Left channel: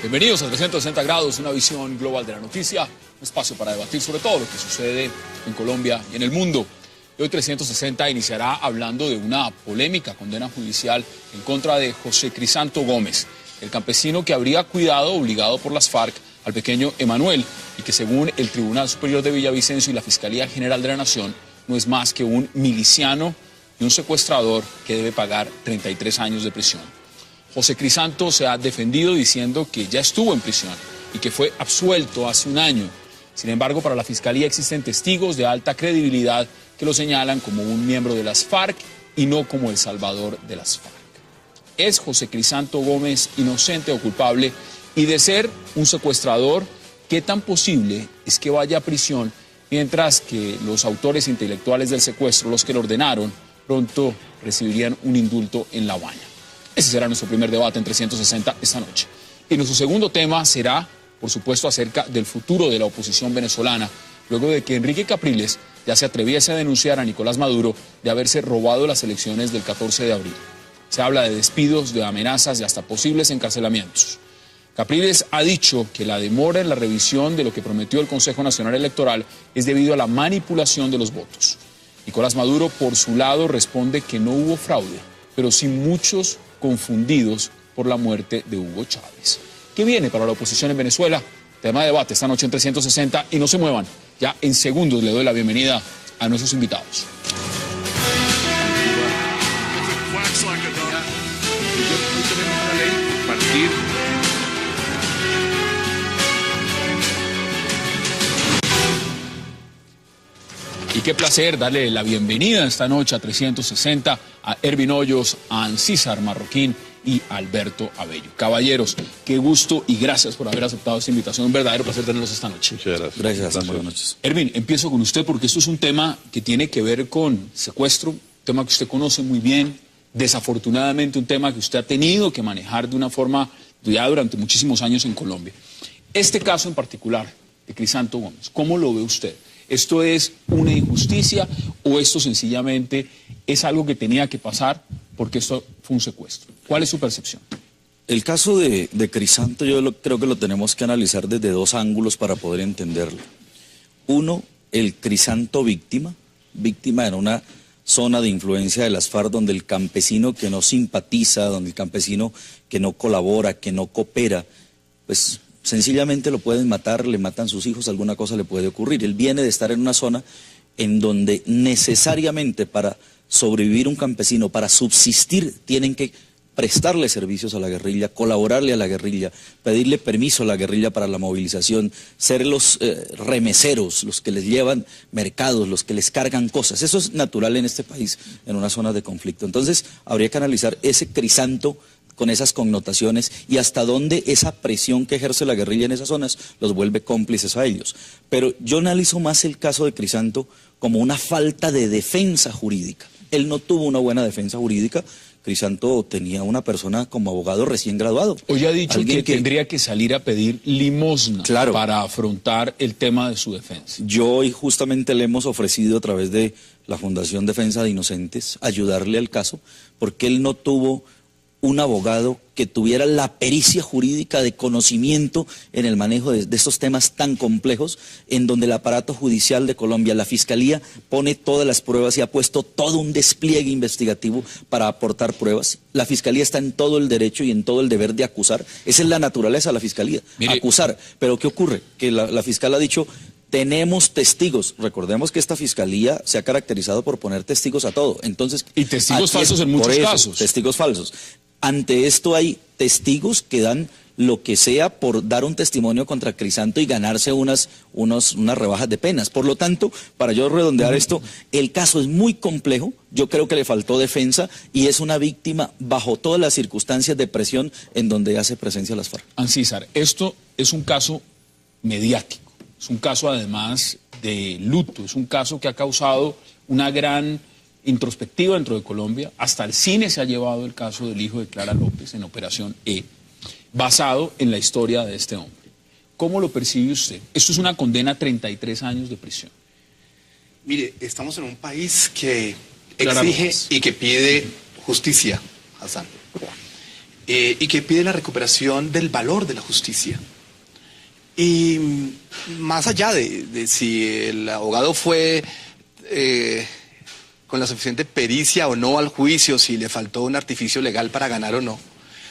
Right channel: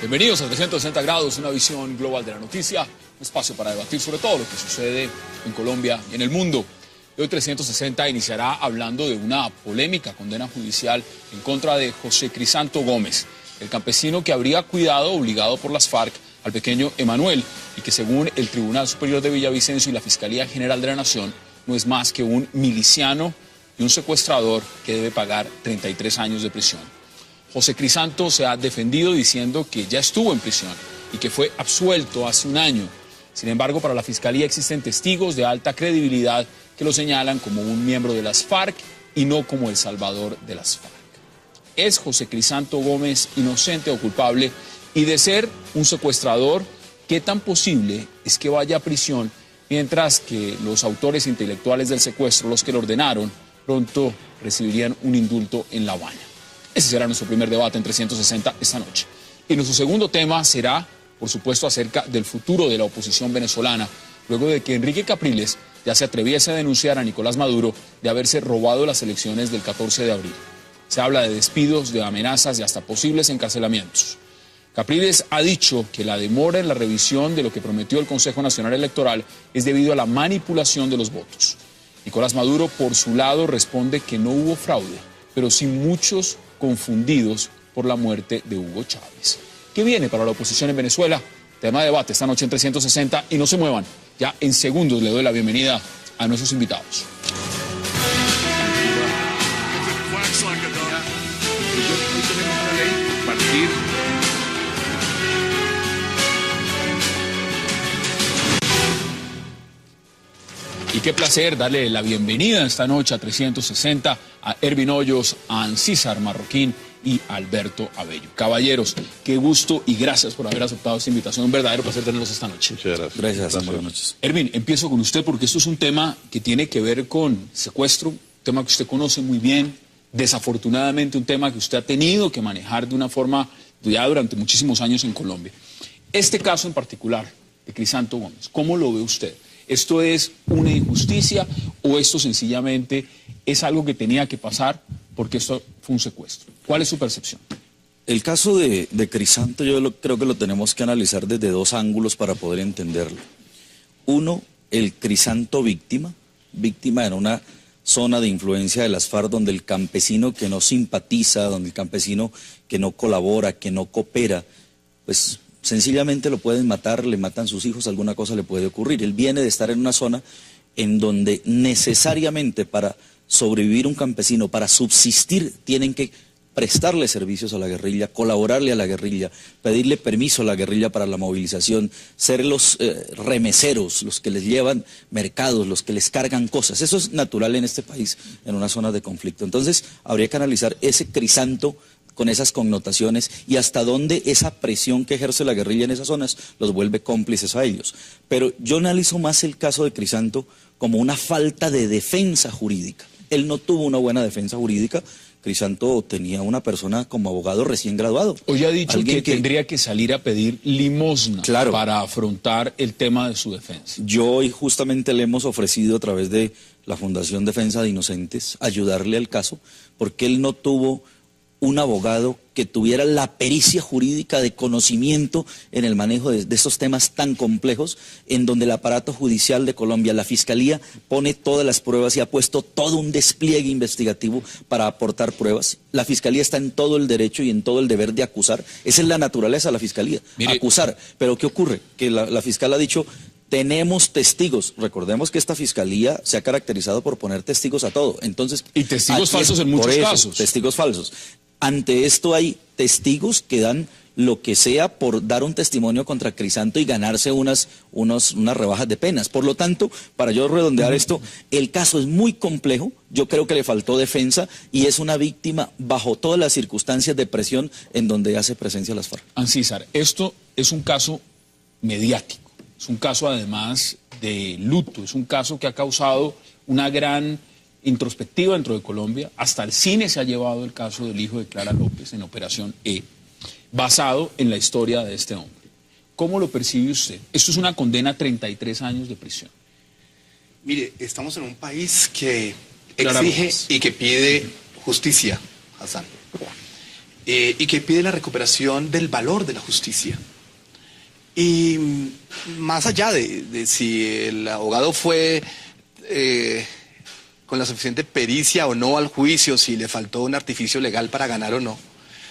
Bienvenidos a 360 grados, una visión global de la noticia, un espacio para debatir sobre todo lo que sucede en Colombia y en el mundo. Hoy 360 iniciará hablando de una polémica condena judicial en contra de José Crisanto Gómez, el campesino que habría cuidado, obligado por las FARC, al pequeño Emanuel, y que según el Tribunal Superior de Villavicencio y la Fiscalía General de la Nación, no es más que un miliciano y un secuestrador que debe pagar 33 años de prisión. José Crisanto se ha defendido diciendo que ya estuvo en prisión y que fue absuelto hace un año. Sin embargo, para la Fiscalía existen testigos de alta credibilidad que lo señalan como un miembro de las FARC y no como el salvador de las FARC. ¿Es José Crisanto Gómez inocente o culpable? Y de ser un secuestrador, ¿qué tan posible es que vaya a prisión mientras que los autores intelectuales del secuestro, los que lo ordenaron, pronto recibirían un indulto en La Habana? Ese será nuestro primer debate en 360 esta noche. Y nuestro segundo tema será, por supuesto, acerca del futuro de la oposición venezolana, luego de que Enrique Capriles ya se atreviese a denunciar a Nicolás Maduro de haberse robado las elecciones del 14 de abril. Se habla de despidos, de amenazas y hasta posibles encarcelamientos. Capriles ha dicho que la demora en la revisión de lo que prometió el Consejo Nacional Electoral es debido a la manipulación de los votos. Nicolás Maduro, por su lado, responde que no hubo fraude, pero sí muchos confundidos por la muerte de Hugo Chávez. ¿Qué viene para la oposición en Venezuela? Tema de debate esta noche en 360 y no se muevan. Ya en segundos le doy la bienvenida a nuestros invitados. Y qué placer darle la bienvenida esta noche a 360 a Ervin Hoyos, a Ancísar Marroquín y a Alberto Abello. Caballeros, qué gusto y gracias por haber aceptado esta invitación. Un verdadero placer tenerlos esta noche. Muchas gracias. Gracias. Buenas noches. Ervin, empiezo con usted porque esto es un tema que tiene que ver con secuestro, un tema que usted conoce muy bien, desafortunadamente un tema que usted ha tenido que manejar de una forma ya durante muchísimos años en Colombia. Este caso en particular de Crisanto Gómez, ¿cómo lo ve usted? ¿Esto es una injusticia o esto sencillamente es algo que tenía que pasar porque esto fue un secuestro? ¿Cuál es su percepción? El caso de Crisanto creo que lo tenemos que analizar desde dos ángulos para poder entenderlo. Uno, el Crisanto víctima en una zona de influencia de las FARC donde el campesino que no simpatiza, donde el campesino que no colabora, que no coopera, pues sencillamente lo pueden matar, le matan sus hijos, alguna cosa le puede ocurrir. Él viene de estar en una zona en donde necesariamente para sobrevivir un campesino, para subsistir, tienen que prestarle servicios a la guerrilla, colaborarle a la guerrilla, pedirle permiso a la guerrilla para la movilización, ser los remeseros, los que les llevan mercados, los que les cargan cosas. Eso es natural en este país, en una zona de conflicto. Entonces, habría que analizar ese Crisanto con esas connotaciones y hasta dónde esa presión que ejerce la guerrilla en esas zonas los vuelve cómplices a ellos. Pero yo analizo más el caso de Crisanto como una falta de defensa jurídica. Él no tuvo una buena defensa jurídica. Crisanto tenía una persona como abogado recién graduado. Hoy ha dicho que tendría que salir a pedir limosna para afrontar el tema de su defensa. Yo hoy justamente le hemos ofrecido a través de la Fundación Defensa de Inocentes ayudarle al caso, porque él no tuvo un abogado que tuviera la pericia jurídica de conocimiento en el manejo de estos temas tan complejos, en donde el aparato judicial de Colombia, la Fiscalía, pone todas las pruebas y ha puesto todo un despliegue investigativo para aportar pruebas. La Fiscalía está en todo el derecho y en todo el deber de acusar. Esa es la naturaleza de la Fiscalía, acusar. Pero ¿qué ocurre? Que la fiscal ha dicho: tenemos testigos. Recordemos que esta fiscalía se ha caracterizado por poner testigos a todo. Entonces, y testigos falsos en muchos casos. Testigos falsos. Ante esto hay testigos que dan lo que sea por dar un testimonio contra Crisanto y ganarse unas rebajas de penas. Por lo tanto, para yo redondear esto, el caso es muy complejo. Yo creo que le faltó defensa y es una víctima bajo todas las circunstancias de presión en donde hace presencia las FARC. Ancísar, esto es un caso mediático. Es un caso además de luto, es un caso que ha causado una gran introspectiva dentro de Colombia. Hasta el cine se ha llevado el caso del hijo de Clara López en Operación E, basado en la historia de este hombre. ¿cómo lo percibe usted? Esto es una condena a 33 años de prisión. Mire, estamos en un país que exige y que pide justicia, Hassan, y que pide la recuperación del valor de la justicia. Y más allá de si el abogado fue con la suficiente pericia o no al juicio, si le faltó un artificio legal para ganar o no,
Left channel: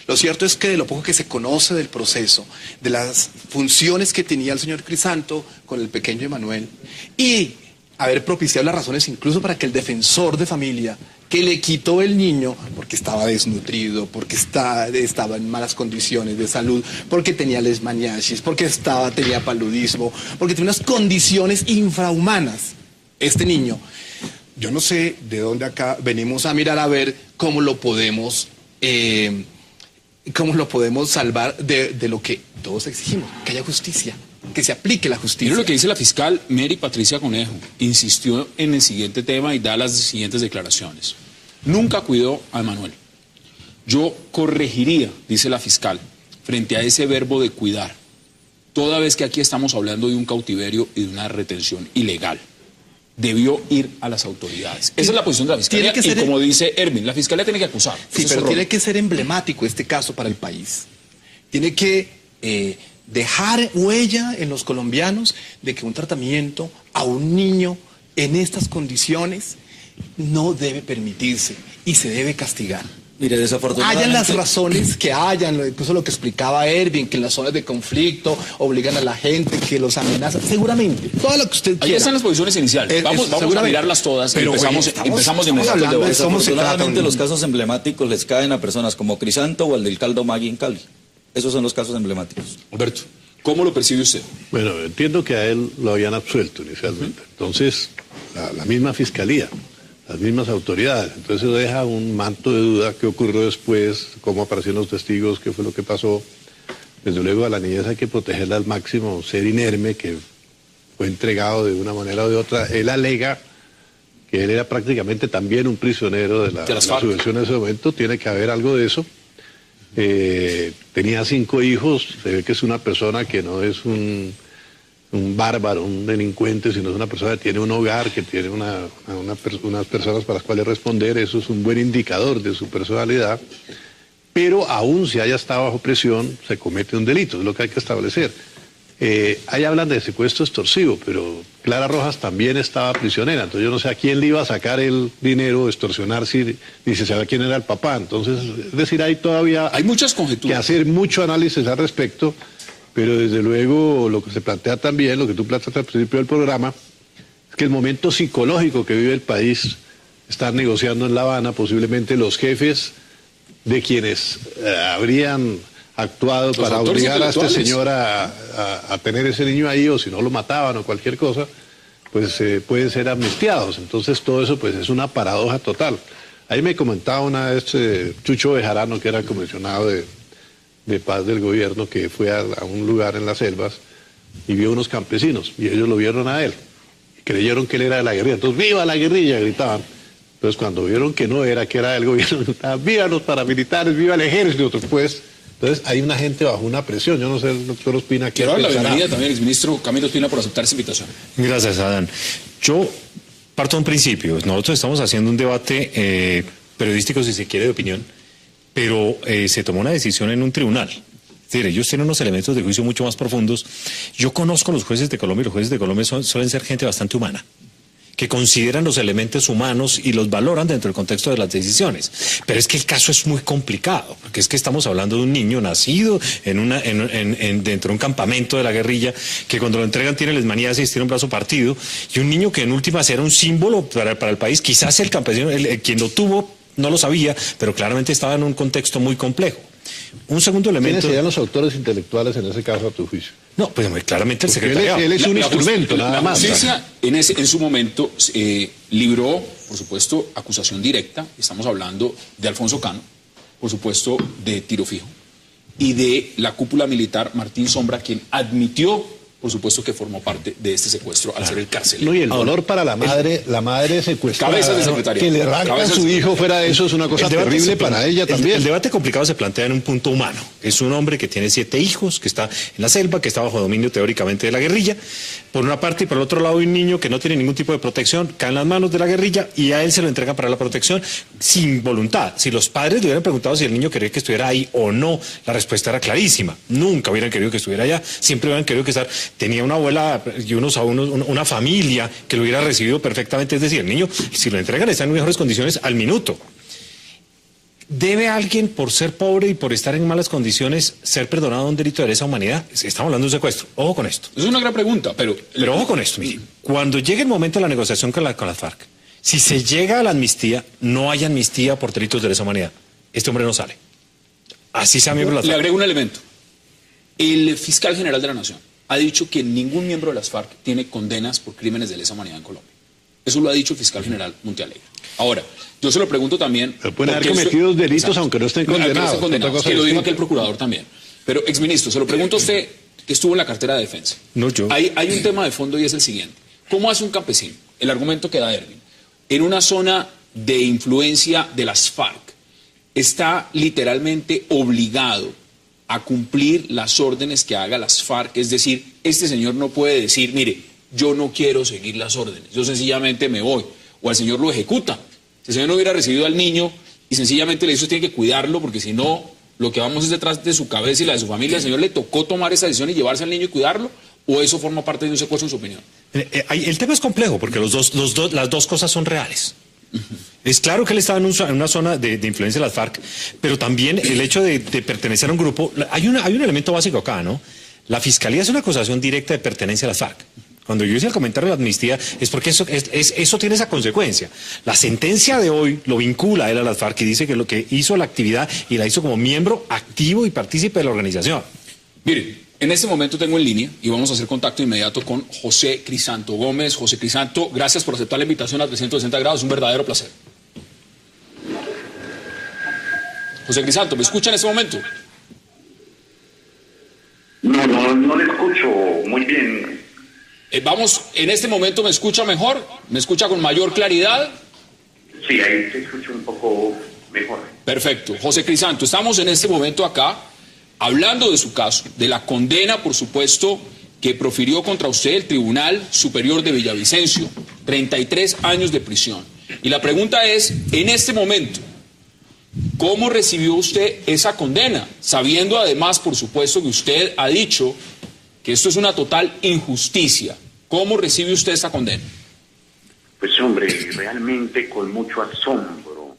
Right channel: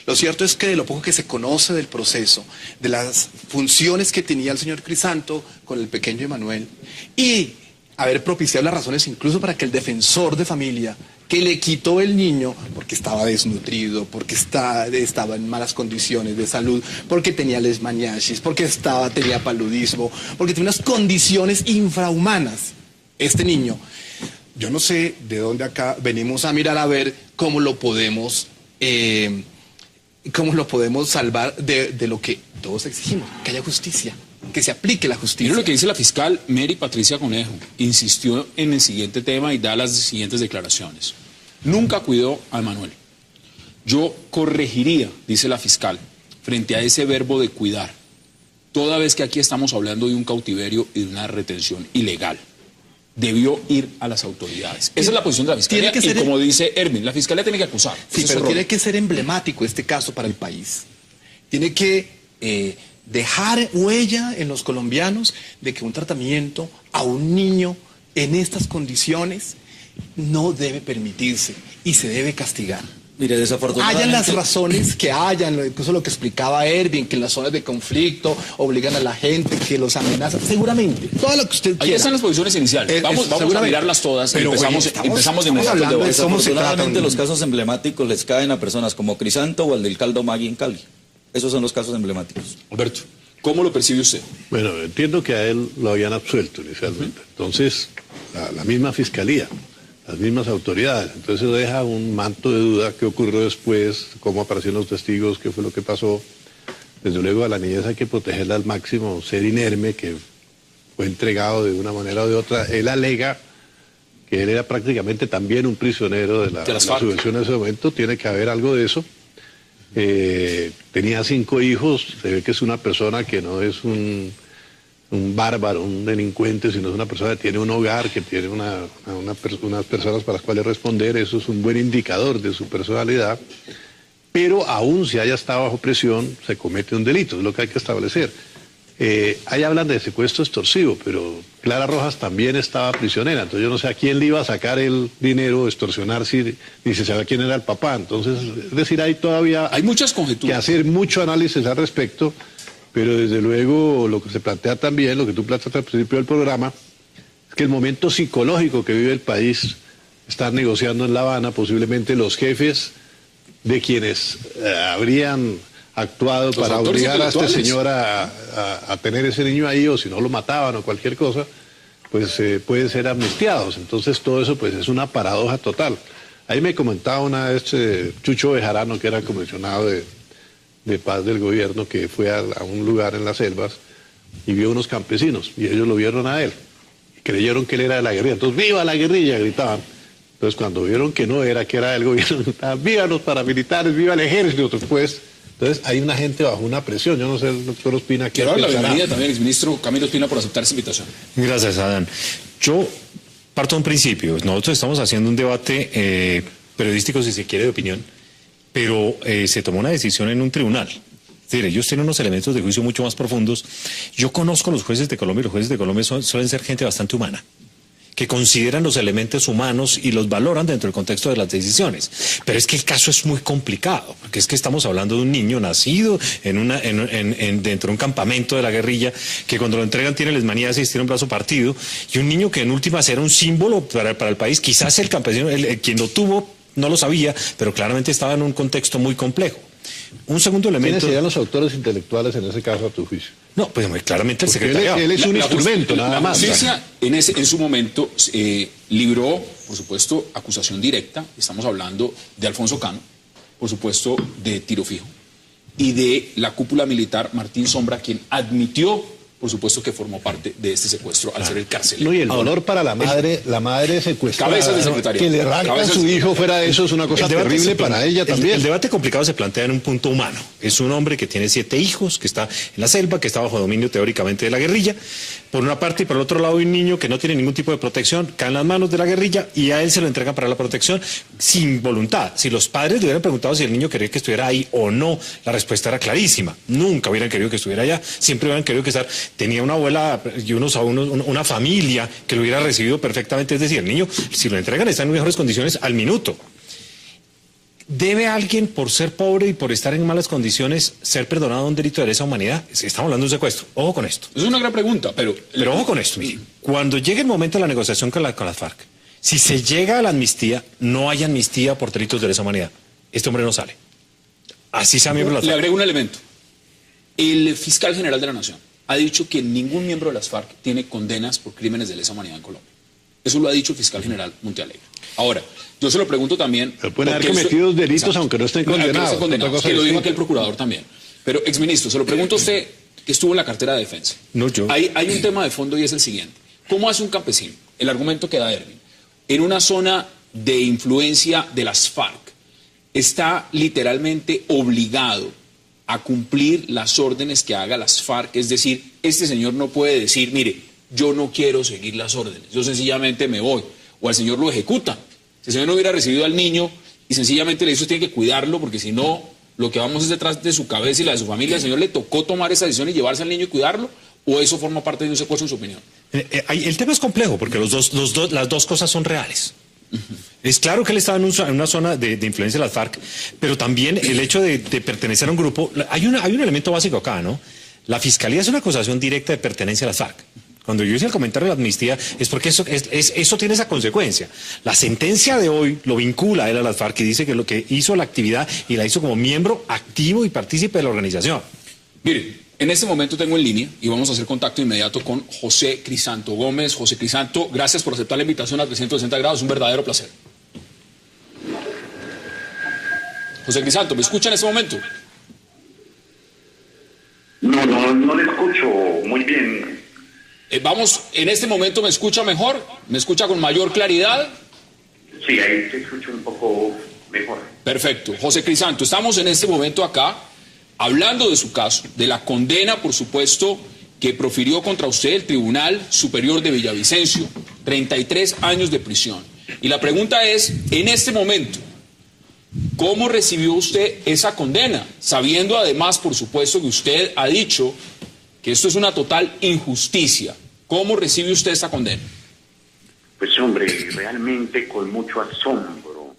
lo cierto es que de lo poco que se conoce del proceso, de las funciones que tenía el señor Crisanto con el pequeño Emanuel, y haber propiciado las razones incluso para que el defensor de familia que le quitó el niño porque estaba desnutrido, porque estaba en malas condiciones de salud, porque tenía leishmaniasis, porque tenía paludismo, porque tenía unas condiciones infrahumanas. Este niño, yo no sé de dónde acá venimos a mirar a ver cómo lo podemos salvar de lo que todos exigimos, que haya justicia, que se aplique la justicia. Mira lo que dice la fiscal Mary Patricia Conejo. Insistió en el siguiente tema y da las siguientes declaraciones. Nunca cuidó a Emanuel. Yo corregiría, dice la fiscal, frente a ese verbo de cuidar, toda vez que aquí estamos hablando de un cautiverio y de una retención ilegal. Debió ir a las autoridades. Esa es la posición de la fiscalía. Y como dice Erwin, la fiscalía tiene que acusar. Sí, pero tiene que ser emblemático este caso para el país. Tiene que dejar huella en los colombianos de que un tratamiento a un niño en estas condiciones no debe permitirse y se debe castigar. Mire, desafortunadamente... Hayan las razones que hayan, incluso lo que explicaba Erwin, que las zonas de conflicto obligan a la gente, que los amenazan, seguramente, todo lo que usted quiera. Ahí están las posiciones iniciales, vamos a mirarlas todas, pero empezamos de hablando. Desafortunadamente los casos emblemáticos les caen a personas como Crisanto o el del caldo Maggi en Cali. Esos son los casos emblemáticos. Humberto, ¿cómo lo percibe usted? Bueno, entiendo que a él lo habían absuelto inicialmente. Entonces, la misma fiscalía, las mismas autoridades. Entonces eso deja un manto de duda qué ocurrió después, cómo aparecieron los testigos, qué fue lo que pasó. Desde luego a la niñez hay que protegerla al máximo, ser inerme, que fue entregado de una manera o de otra. Él alega que él era prácticamente también un prisionero de la subversión en ese momento, tiene que haber algo de eso. Tenía 5 hijos, se ve que es una persona que no es un bárbaro, un delincuente, sino es una persona que tiene un hogar, que tiene unas personas para las cuales responder. Eso es un buen indicador de su personalidad, pero aún si haya estado bajo presión, se comete un delito, es lo que hay que establecer. Ahí hablan de secuestro extorsivo, pero Clara Rojas también estaba prisionera, entonces yo no sé a quién le iba a sacar el dinero, extorsionar, ni se sabe quién era el papá. Entonces, es decir, hay todavía hay muchas conjeturas, que hacer mucho análisis al respecto. Pero desde luego lo que se plantea también, lo que tú planteaste al principio del programa, es que el momento psicológico que vive el país, están negociando en La Habana, posiblemente los jefes de quienes habrían actuado para obligar a este señor a tener ese niño ahí, o si no lo mataban o cualquier cosa, pues pueden ser amnistiados. Entonces todo eso pues es una paradoja total. Ahí me comentaba una vez Chucho Bejarano, que era comisionado de paz del gobierno, que fue a un lugar en las selvas y vio unos campesinos y ellos lo vieron a él y creyeron que él era de la guerrilla. Entonces, ¡viva la guerrilla!, gritaban. Entonces, cuando vieron que no era, que era del gobierno, gritaban: ¡viva los paramilitares, viva el ejército! Pues, entonces hay una gente bajo una presión. Yo no sé, el doctor Ospina, ¿qué quiero la bienvenida también el ministro Camilo Ospina por aceptar esa invitación. Gracias, Adán. Yo parto de un principio. Nosotros estamos haciendo un debate periodístico, si se quiere, de opinión, pero se tomó una decisión en un tribunal. Es decir, ellos tienen unos elementos de juicio mucho más profundos. Yo conozco los jueces de Colombia, y los jueces de Colombia suelen ser gente bastante humana, que consideran los elementos humanos y los valoran dentro del contexto de las decisiones. Pero es que el caso es muy complicado, porque es que estamos hablando de un niño nacido dentro de un campamento de la guerrilla, que cuando lo entregan tiene leishmaniasis, tiene un brazo partido, y un niño que en últimas era un símbolo para el país. Quizás el campesino, quien lo tuvo, no lo sabía, pero claramente estaba en un contexto muy complejo. Un segundo elemento... ¿Quiénes serían los autores intelectuales en ese caso, a tu juicio? No, pues claramente el secretario. Él es un instrumento, nada más. La justicia en su momento libró, por supuesto, acusación directa. Estamos hablando de Alfonso Cano, por supuesto, de Tiro Fijo, y de la cúpula militar Martín Sombra, quien admitió, por por supuesto, que formó parte de este secuestro al ser el carcelero. No, y el dolor para la madre secuestrada, Cabezas de secretario. que le arrancan a su hijo fuera de eso es una cosa terrible para ella también. El debate complicado se plantea en un punto humano. Es un hombre que tiene 7 hijos, que está en la selva, que está bajo dominio teóricamente de la guerrilla. Por una parte, y por el otro lado, hay un niño que no tiene ningún tipo de protección, cae en las manos de la guerrilla y a él se lo entrega para la protección sin voluntad. Si los padres le hubieran preguntado si el niño quería que estuviera ahí o no, la respuesta era clarísima. Nunca hubieran querido que estuviera allá, siempre hubieran querido que tenía una abuela y una familia que lo hubiera recibido perfectamente. Es decir, el niño, si lo entregan, está en mejores condiciones al minuto. ¿Debe alguien, por ser pobre y por estar en malas condiciones, ser perdonado de un delito de lesa humanidad? Estamos hablando de un secuestro. Ojo con esto. Es una gran pregunta, pero ojo con esto. Mire. Cuando llegue el momento de la negociación con las FARC, si se llega a la amnistía, no hay amnistía por delitos de lesa humanidad. Este hombre no sale. Así sea miembro de las le FARC. agrego un elemento. El fiscal general de la Nación ha dicho que ningún miembro de las FARC tiene condenas por crímenes de lesa humanidad en Colombia. Eso lo ha dicho el fiscal general Montealegre. Ahora, yo se lo pregunto también... Pueden haber cometido delitos aunque no estén condenados. Que lo dijo aquí el procurador también. Pero, exministro, se lo pregunto a usted, que estuvo en la cartera de defensa. No, yo. Hay un tema de fondo y es el siguiente. ¿Cómo hace un campesino? El argumento que da Erwin. En una zona de influencia de las FARC, está literalmente obligado a cumplir las órdenes que haga las FARC. Es decir, este señor no puede decir, mire, yo no quiero seguir las órdenes, yo sencillamente me voy. O al señor lo ejecuta. Si el señor no hubiera recibido al niño y sencillamente le dice, usted tiene que cuidarlo, porque si no, lo que vamos es detrás de su cabeza y la de su familia. ¿El señor le tocó tomar esa decisión y llevarse al niño y cuidarlo? ¿O eso forma parte de un secuestro, en su opinión? El tema es complejo, porque las dos cosas son reales. Es claro que él estaba en una zona de influencia de las FARC, pero también el hecho de pertenecer a un grupo... Hay un elemento básico acá, ¿no? La Fiscalía es una acusación directa de pertenencia a las FARC. Cuando yo hice el comentario de la amnistía, es porque eso tiene esa consecuencia. La sentencia de hoy lo vincula a él a las FARC y dice que lo que hizo la actividad y la hizo como miembro activo y partícipe de la organización. Mire, en este momento tengo en línea y vamos a hacer contacto inmediato con José Crisanto Gómez. José Crisanto, gracias por aceptar la invitación a 360 grados, es un verdadero placer. José Crisanto, ¿me escucha en este momento? No le escucho muy bien. Vamos, en este momento me escucha mejor, me escucha con mayor claridad. Sí, ahí se escucha un poco mejor. Perfecto. José Crisanto, estamos en este momento acá hablando de su caso, de la condena, por supuesto, que profirió contra usted el Tribunal Superior de Villavicencio, 33 años de prisión. Y la pregunta es, en este momento, ¿cómo recibió usted esa condena? Sabiendo además, por supuesto, que usted ha dicho que esto es una total injusticia. ¿Cómo recibe usted esa condena? Pues hombre, realmente con mucho asombro,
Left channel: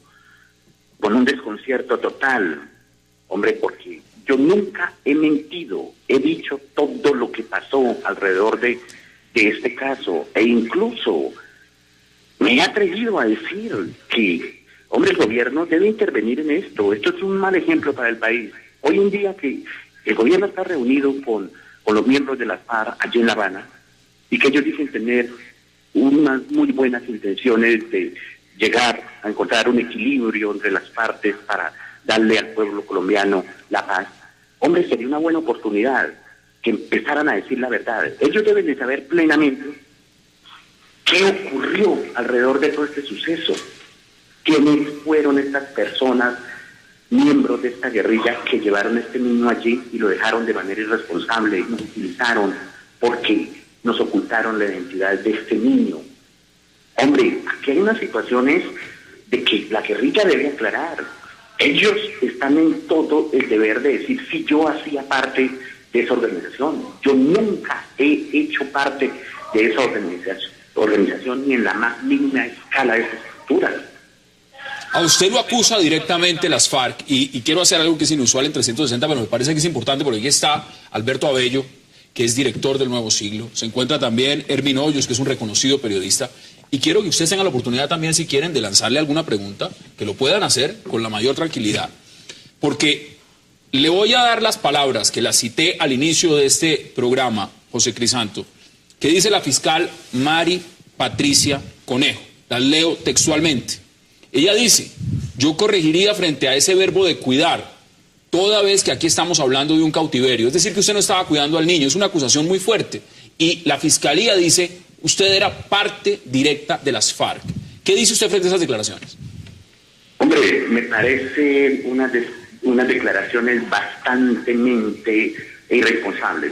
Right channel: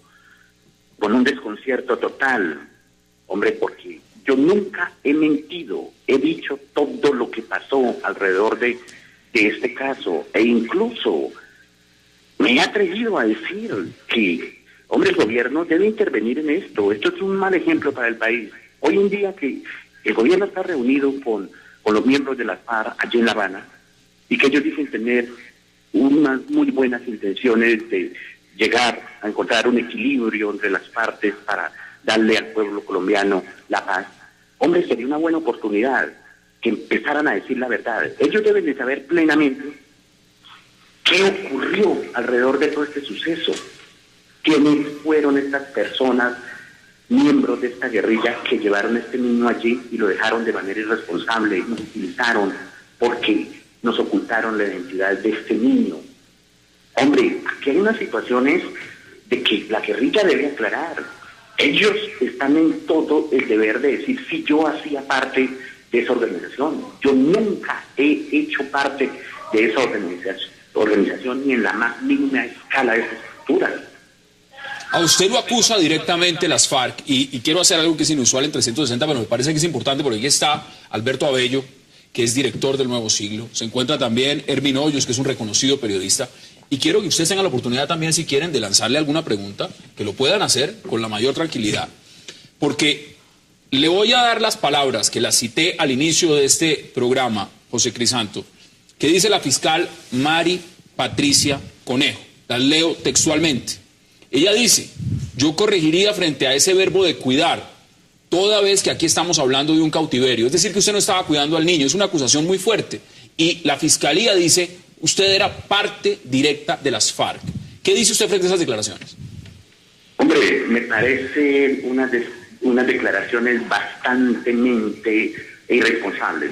con un desconcierto total, hombre, porque yo nunca he mentido, he dicho todo lo que pasó alrededor de este caso, e incluso me he atrevido a decir que, hombre, el gobierno debe intervenir en esto. Esto es un mal ejemplo para el país. Hoy en día que el gobierno está reunido con los miembros de la FARC allí en La Habana, y que ellos dicen tener unas muy buenas intenciones de llegar a encontrar un equilibrio entre las partes para darle al pueblo colombiano la paz. Hombre, sería una buena oportunidad que empezaran a decir la verdad. Ellos deben de saber plenamente qué ocurrió alrededor de todo este suceso, quiénes fueron estas personas, miembros de esta guerrilla que llevaron a este niño allí y lo dejaron de manera irresponsable, y nos utilizaron porque nos ocultaron la identidad de este niño. Hombre, aquí hay unas situaciones de que la guerrilla debe aclarar. Ellos están en todo el deber de decir si yo hacía parte de esa organización. Yo nunca he hecho parte de esa organización ni en la más mínima escala de esa estructura. A usted lo acusa directamente las FARC y quiero hacer algo que es inusual en 360, pero me parece que es importante porque aquí está Alberto Abello, que es director del Nuevo Siglo. Se encuentra también Erwin Hoyos, que es un reconocido periodista. Y quiero que ustedes tengan la oportunidad también, si quieren, de lanzarle alguna pregunta, que lo puedan hacer con la mayor tranquilidad. Porque le voy a dar las palabras que las cité al inicio de este programa, José Crisanto, que dice la fiscal Mari Patricia Conejo. Las leo textualmente. Ella dice, yo corregiría frente a ese verbo de cuidar, toda vez que aquí estamos hablando de un cautiverio, es decir, que usted no estaba cuidando al niño, es una acusación muy fuerte. Y la fiscalía dice, usted era parte directa de las FARC. ¿Qué dice usted frente a esas declaraciones? Hombre, me parece unas declaraciones bastante irresponsables.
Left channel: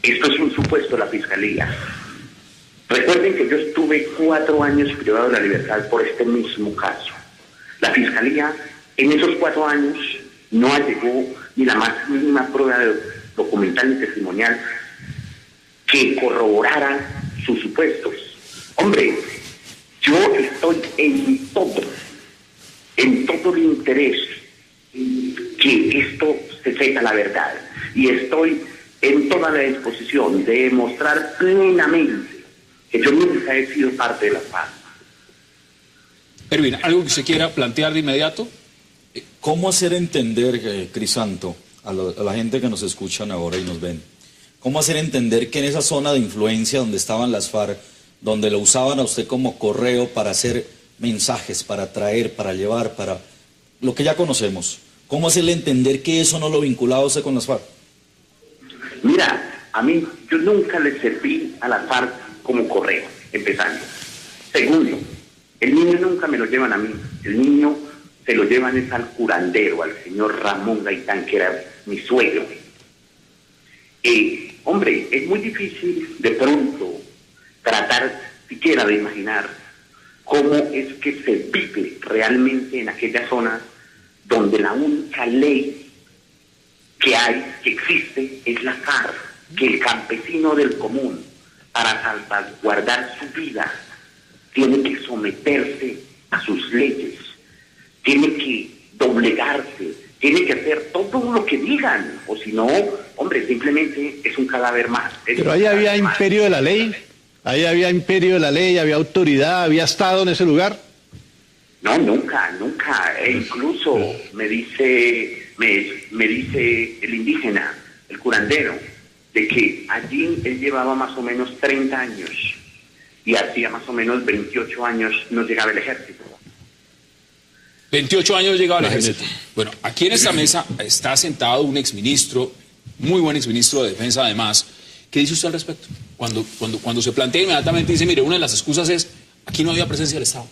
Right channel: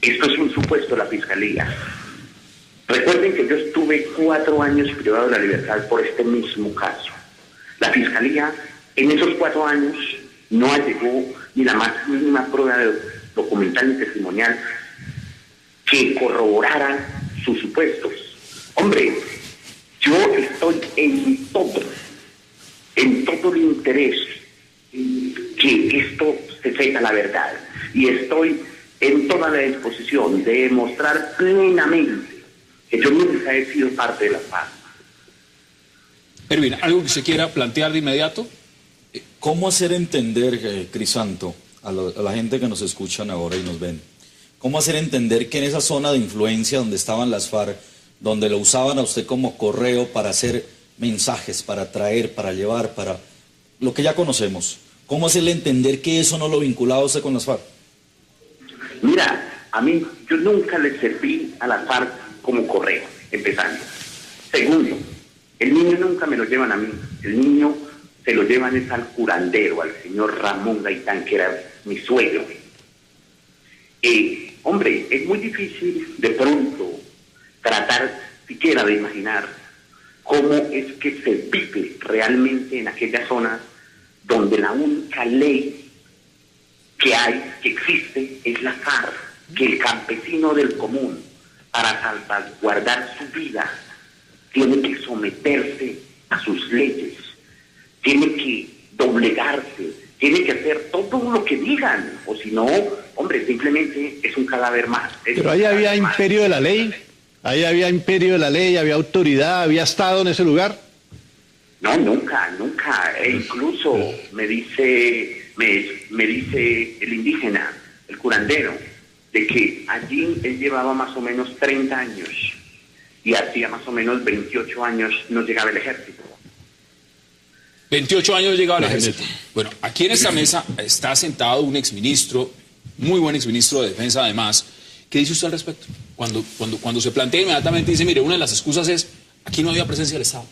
Esto es un supuesto de la fiscalía. Recuerden que yo estuve 4 años privado de la libertad por este mismo caso. La fiscalía en esos 4 años no allegó ni la más mínima prueba documental ni testimonial que corroborara sus supuestos. Hombre, yo estoy en todo el interés que esto se sepa la verdad, y estoy en toda la disposición de demostrar plenamente que yo nunca he sido parte de la FARC. Erwin, ¿algo que usted quiera plantear de inmediato? ¿Cómo hacer entender, Crisanto, a la gente que nos escuchan ahora y nos ven, cómo hacer entender que en esa zona de influencia donde estaban las FARC, donde lo usaban a usted como correo para hacer mensajes, para traer, para llevar, para lo que ya conocemos, cómo hacerle entender que eso no lo vinculaba a usted con las FARC? Mira, a mí, yo nunca le serví a la FARC como correo, empezando. Segundo, el niño nunca me lo llevan a mí, el niño se lo llevan es al curandero, al señor Ramón Gaitán, que era mi suegro. Hombre, es muy difícil de pronto tratar siquiera de imaginar cómo es que se vive realmente en aquellas zonas donde la única ley que existe es la FARC, que el campesino del común, para salvaguardar su vida, tiene que someterse a sus leyes, tiene que doblegarse, tiene que hacer todo lo que digan, o si no, hombre, simplemente es un cadáver más. Pero ahí había imperio de la ley, había autoridad, había Estado en ese lugar. No, nunca. Incluso me dice el indígena, el curandero, de que allí él llevaba más o menos 30 años y hacía más o menos 28 años no llegaba el ejército. 28 años llegaba al ejército. Bueno, aquí en esta mesa está sentado un exministro, muy buen exministro de Defensa además. ¿Qué dice usted al respecto? Cuando se plantea inmediatamente, dice, mire, una de las excusas es, aquí no había presencia del Estado.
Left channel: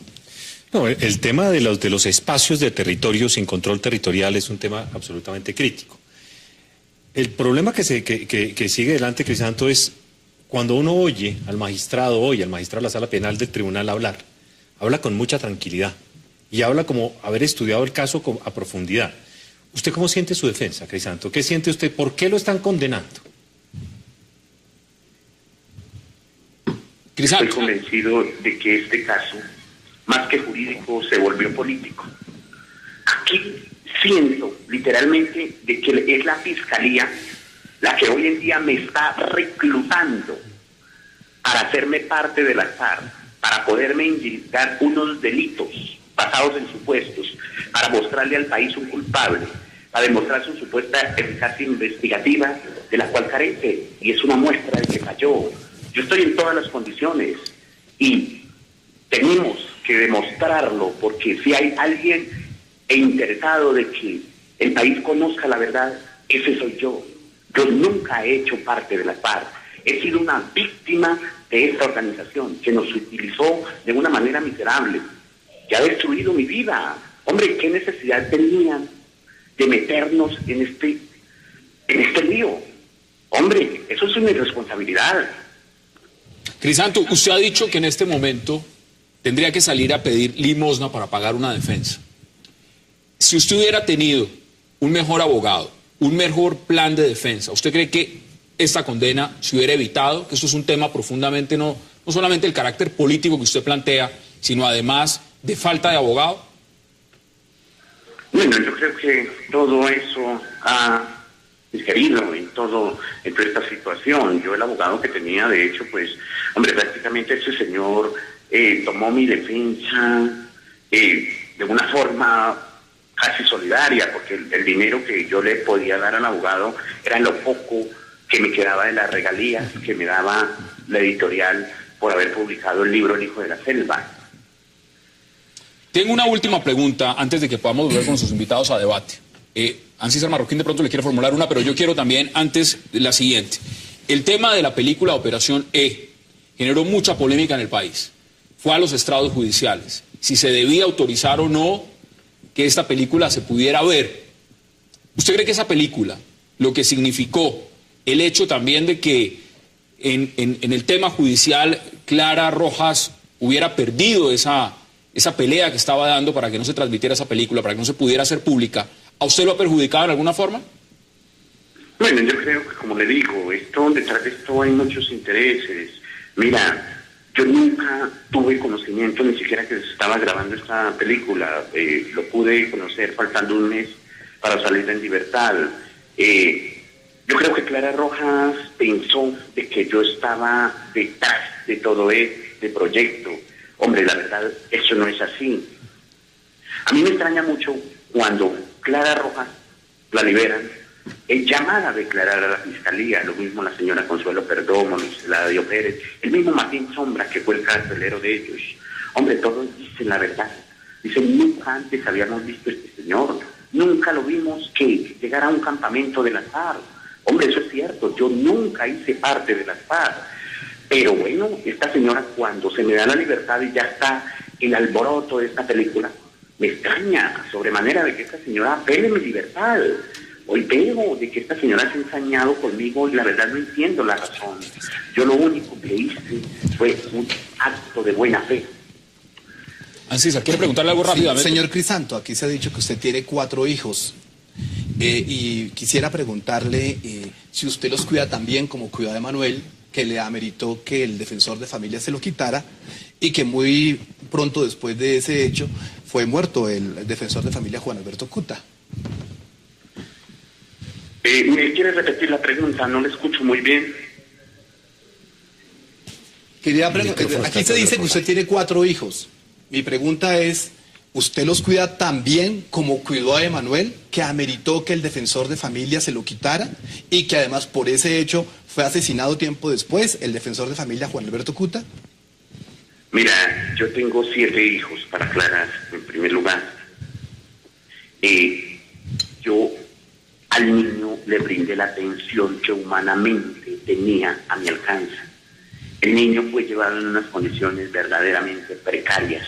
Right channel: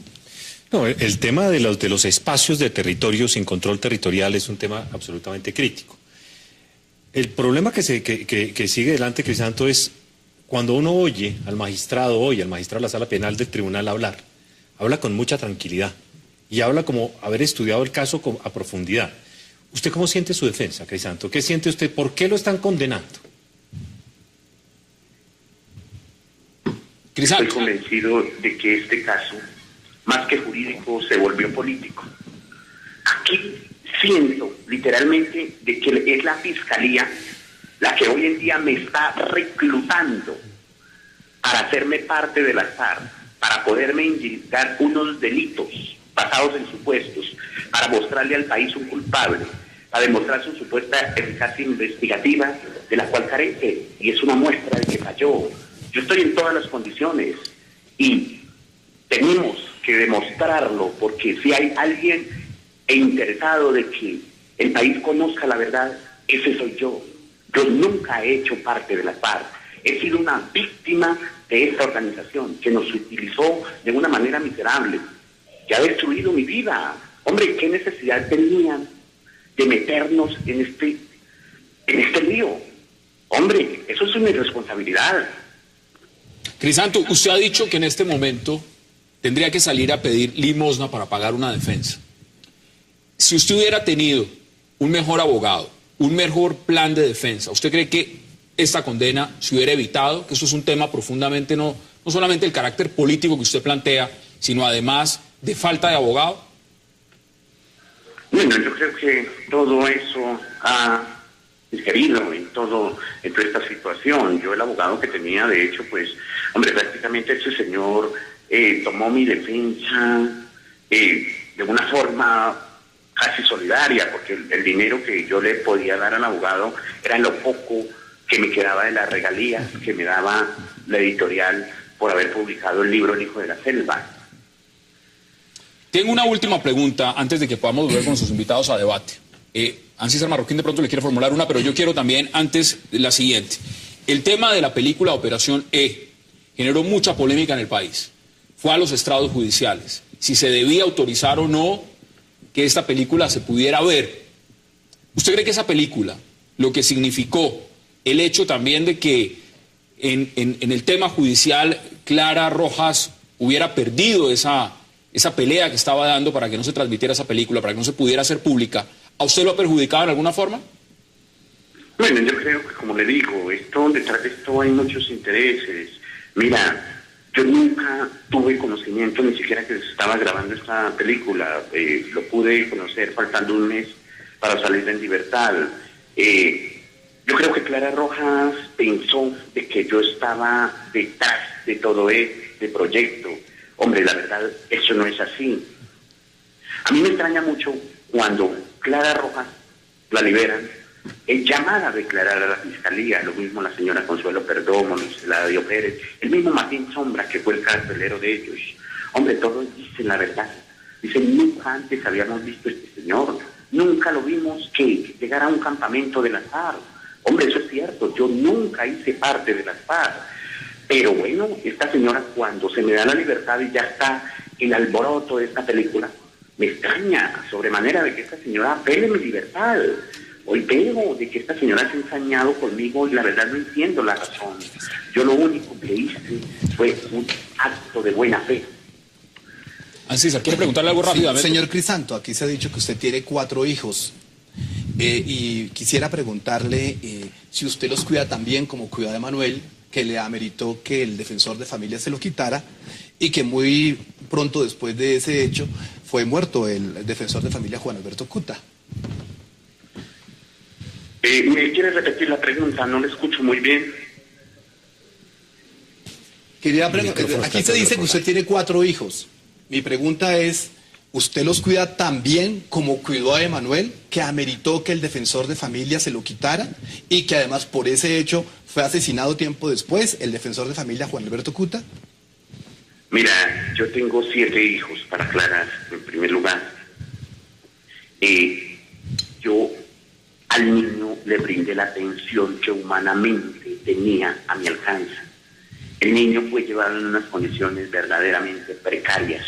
No, el tema de los espacios de territorio sin control territorial es un tema absolutamente crítico. El problema que sigue adelante, Crisanto, es cuando uno oye al magistrado de la Sala Penal del Tribunal habla con mucha tranquilidad y habla como haber estudiado el caso a profundidad. ¿Usted cómo siente su defensa, Crisanto? ¿Qué siente usted? ¿Por qué lo están condenando? Estoy convencido de que este caso, más que jurídico, se volvió político. Aquí siento literalmente de que es la fiscalía la que hoy en día me está reclutando para hacerme parte de las FARC, para poderme indicar unos delitos basados en supuestos, para mostrarle al país un culpable, para demostrar su supuesta eficacia investigativa, de la cual carece, y es una muestra de que falló. Yo estoy en todas las condiciones y tenemos que demostrarlo, porque si hay alguien interesado de que el país conozca la verdad, ese soy yo. Yo nunca he hecho parte de la FARC. He sido una víctima de esta organización que nos utilizó de una manera miserable, que ha destruido mi vida. Hombre, ¿qué necesidad tenían de meternos en este lío? Hombre, eso es una irresponsabilidad. Crisanto, usted ha dicho que en este momento tendría que salir a pedir limosna para pagar una defensa. Si usted hubiera tenido un mejor abogado, un mejor plan de defensa, ¿usted cree que esta condena se hubiera evitado? Que eso es un tema profundamente, no solamente el carácter político que usted plantea, sino además de falta de abogado. Bueno, yo creo que todo eso ha digerido en toda esta situación. Yo, el abogado que tenía, de hecho, pues, hombre, prácticamente ese señor tomó mi defensa de una forma casi solidaria, porque el dinero que yo le podía dar al abogado era lo poco que me quedaba de las regalías que me daba la editorial por haber publicado el libro El Hijo de la Selva. Tengo una última pregunta antes de que podamos volver con nuestros invitados a debate. Ancísar Marroquín de pronto le quiere formular una, pero yo quiero también antes la siguiente. El tema de la película Operación E generó mucha polémica en el país. Fue a los estrados judiciales. Si se debía autorizar o no que esta película se pudiera ver. ¿Usted cree que esa película, lo que significó el hecho también de que en el tema judicial Clara Rojas hubiera perdido esa pelea que estaba dando para que no se transmitiera esa película, para que no se pudiera hacer pública, ¿a usted lo ha perjudicado de alguna forma? Bueno, yo creo que, como le digo, detrás de esto hay muchos intereses. Mira, yo nunca tuve conocimiento ni siquiera que se estaba grabando esta película. Lo pude conocer faltando un mes para salir en libertad. Yo creo que Clara Rojas pensó de que yo estaba detrás de todo este proyecto. Hombre, la verdad, eso no es así. A mí me extraña mucho cuando Clara Rojas la liberan, es llamada a declarar a la Fiscalía, lo mismo la señora Consuelo Perdomo, Luis Eladio Pérez, el mismo Martín Sombra, que fue el carcelero de ellos. Hombre, todos dicen la verdad. Dicen, nunca antes habíamos visto a este señor, nunca lo vimos que llegara a un campamento de las FARC. Hombre, eso es cierto, yo nunca hice parte de las FARC. Pero bueno, esta señora, cuando se me da la libertad y ya está el alboroto de esta película, me extraña sobremanera de que esta señora apele mi libertad. Hoy veo de que esta señora se ha ensañado conmigo y la verdad no entiendo la razón. Yo lo único que hice fue un acto de buena fe. Ancísar, ¿quiere preguntarle algo rápidamente? Señor Crisanto, aquí se ha dicho que usted tiene 4 hijos. Y quisiera preguntarle si usted los cuida tan bien como cuida a Emanuel, que le ameritó que el defensor de familia se lo quitara y que muy pronto después de ese hecho fue muerto el defensor de familia Juan Alberto Cuta. ¿Me quiere repetir la pregunta? No la escucho muy bien. Quería preguntar, aquí se dice que usted tiene 4 hijos. Mi pregunta es, ¿usted los cuida tan bien como cuidó a Emanuel, que ameritó que el defensor de familia se lo quitara y que además por ese hecho fue asesinado tiempo después el defensor de familia Juan Alberto Cuta? Mira, yo tengo 7 hijos, para aclarar, en primer lugar. Yo al niño le brindé la atención que humanamente tenía a mi alcance. El niño fue llevado en unas condiciones verdaderamente precarias.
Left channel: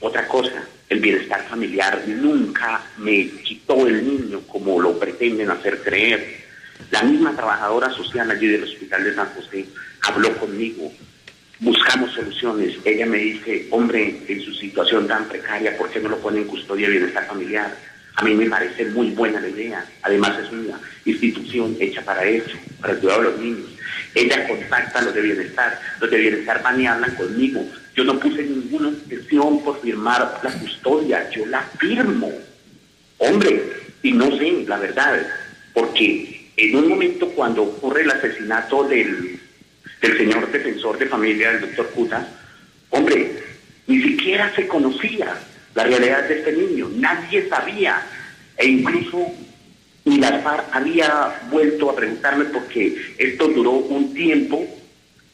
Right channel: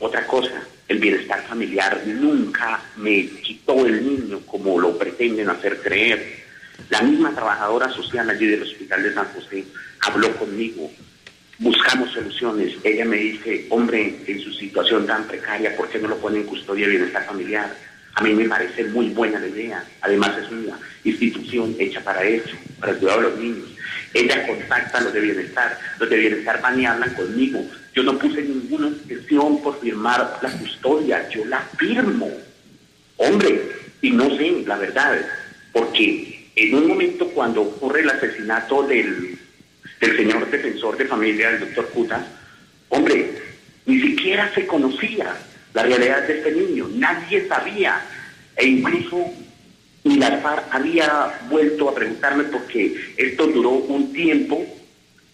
Otra cosa, el bienestar familiar nunca me quitó el niño como lo pretenden hacer creer. La misma trabajadora social allí del Hospital de San José habló conmigo. Buscamos soluciones. Ella me dice, hombre, en su situación tan precaria, ¿por qué no lo pone en custodia de bienestar familiar? A mí me parece muy buena la idea. Además es una institución hecha para eso, para el cuidado de los niños. Ella contacta a los de bienestar van y hablan conmigo. Yo no puse ninguna expresión por firmar la custodia, yo la firmo. Hombre, y no sé, la verdad, porque en un momento cuando ocurre el asesinato del señor defensor de familia, el doctor Cuta, hombre, ni siquiera se conocía la realidad de este niño, nadie sabía, e incluso ni la FARC había vuelto a preguntarme porque esto duró un tiempo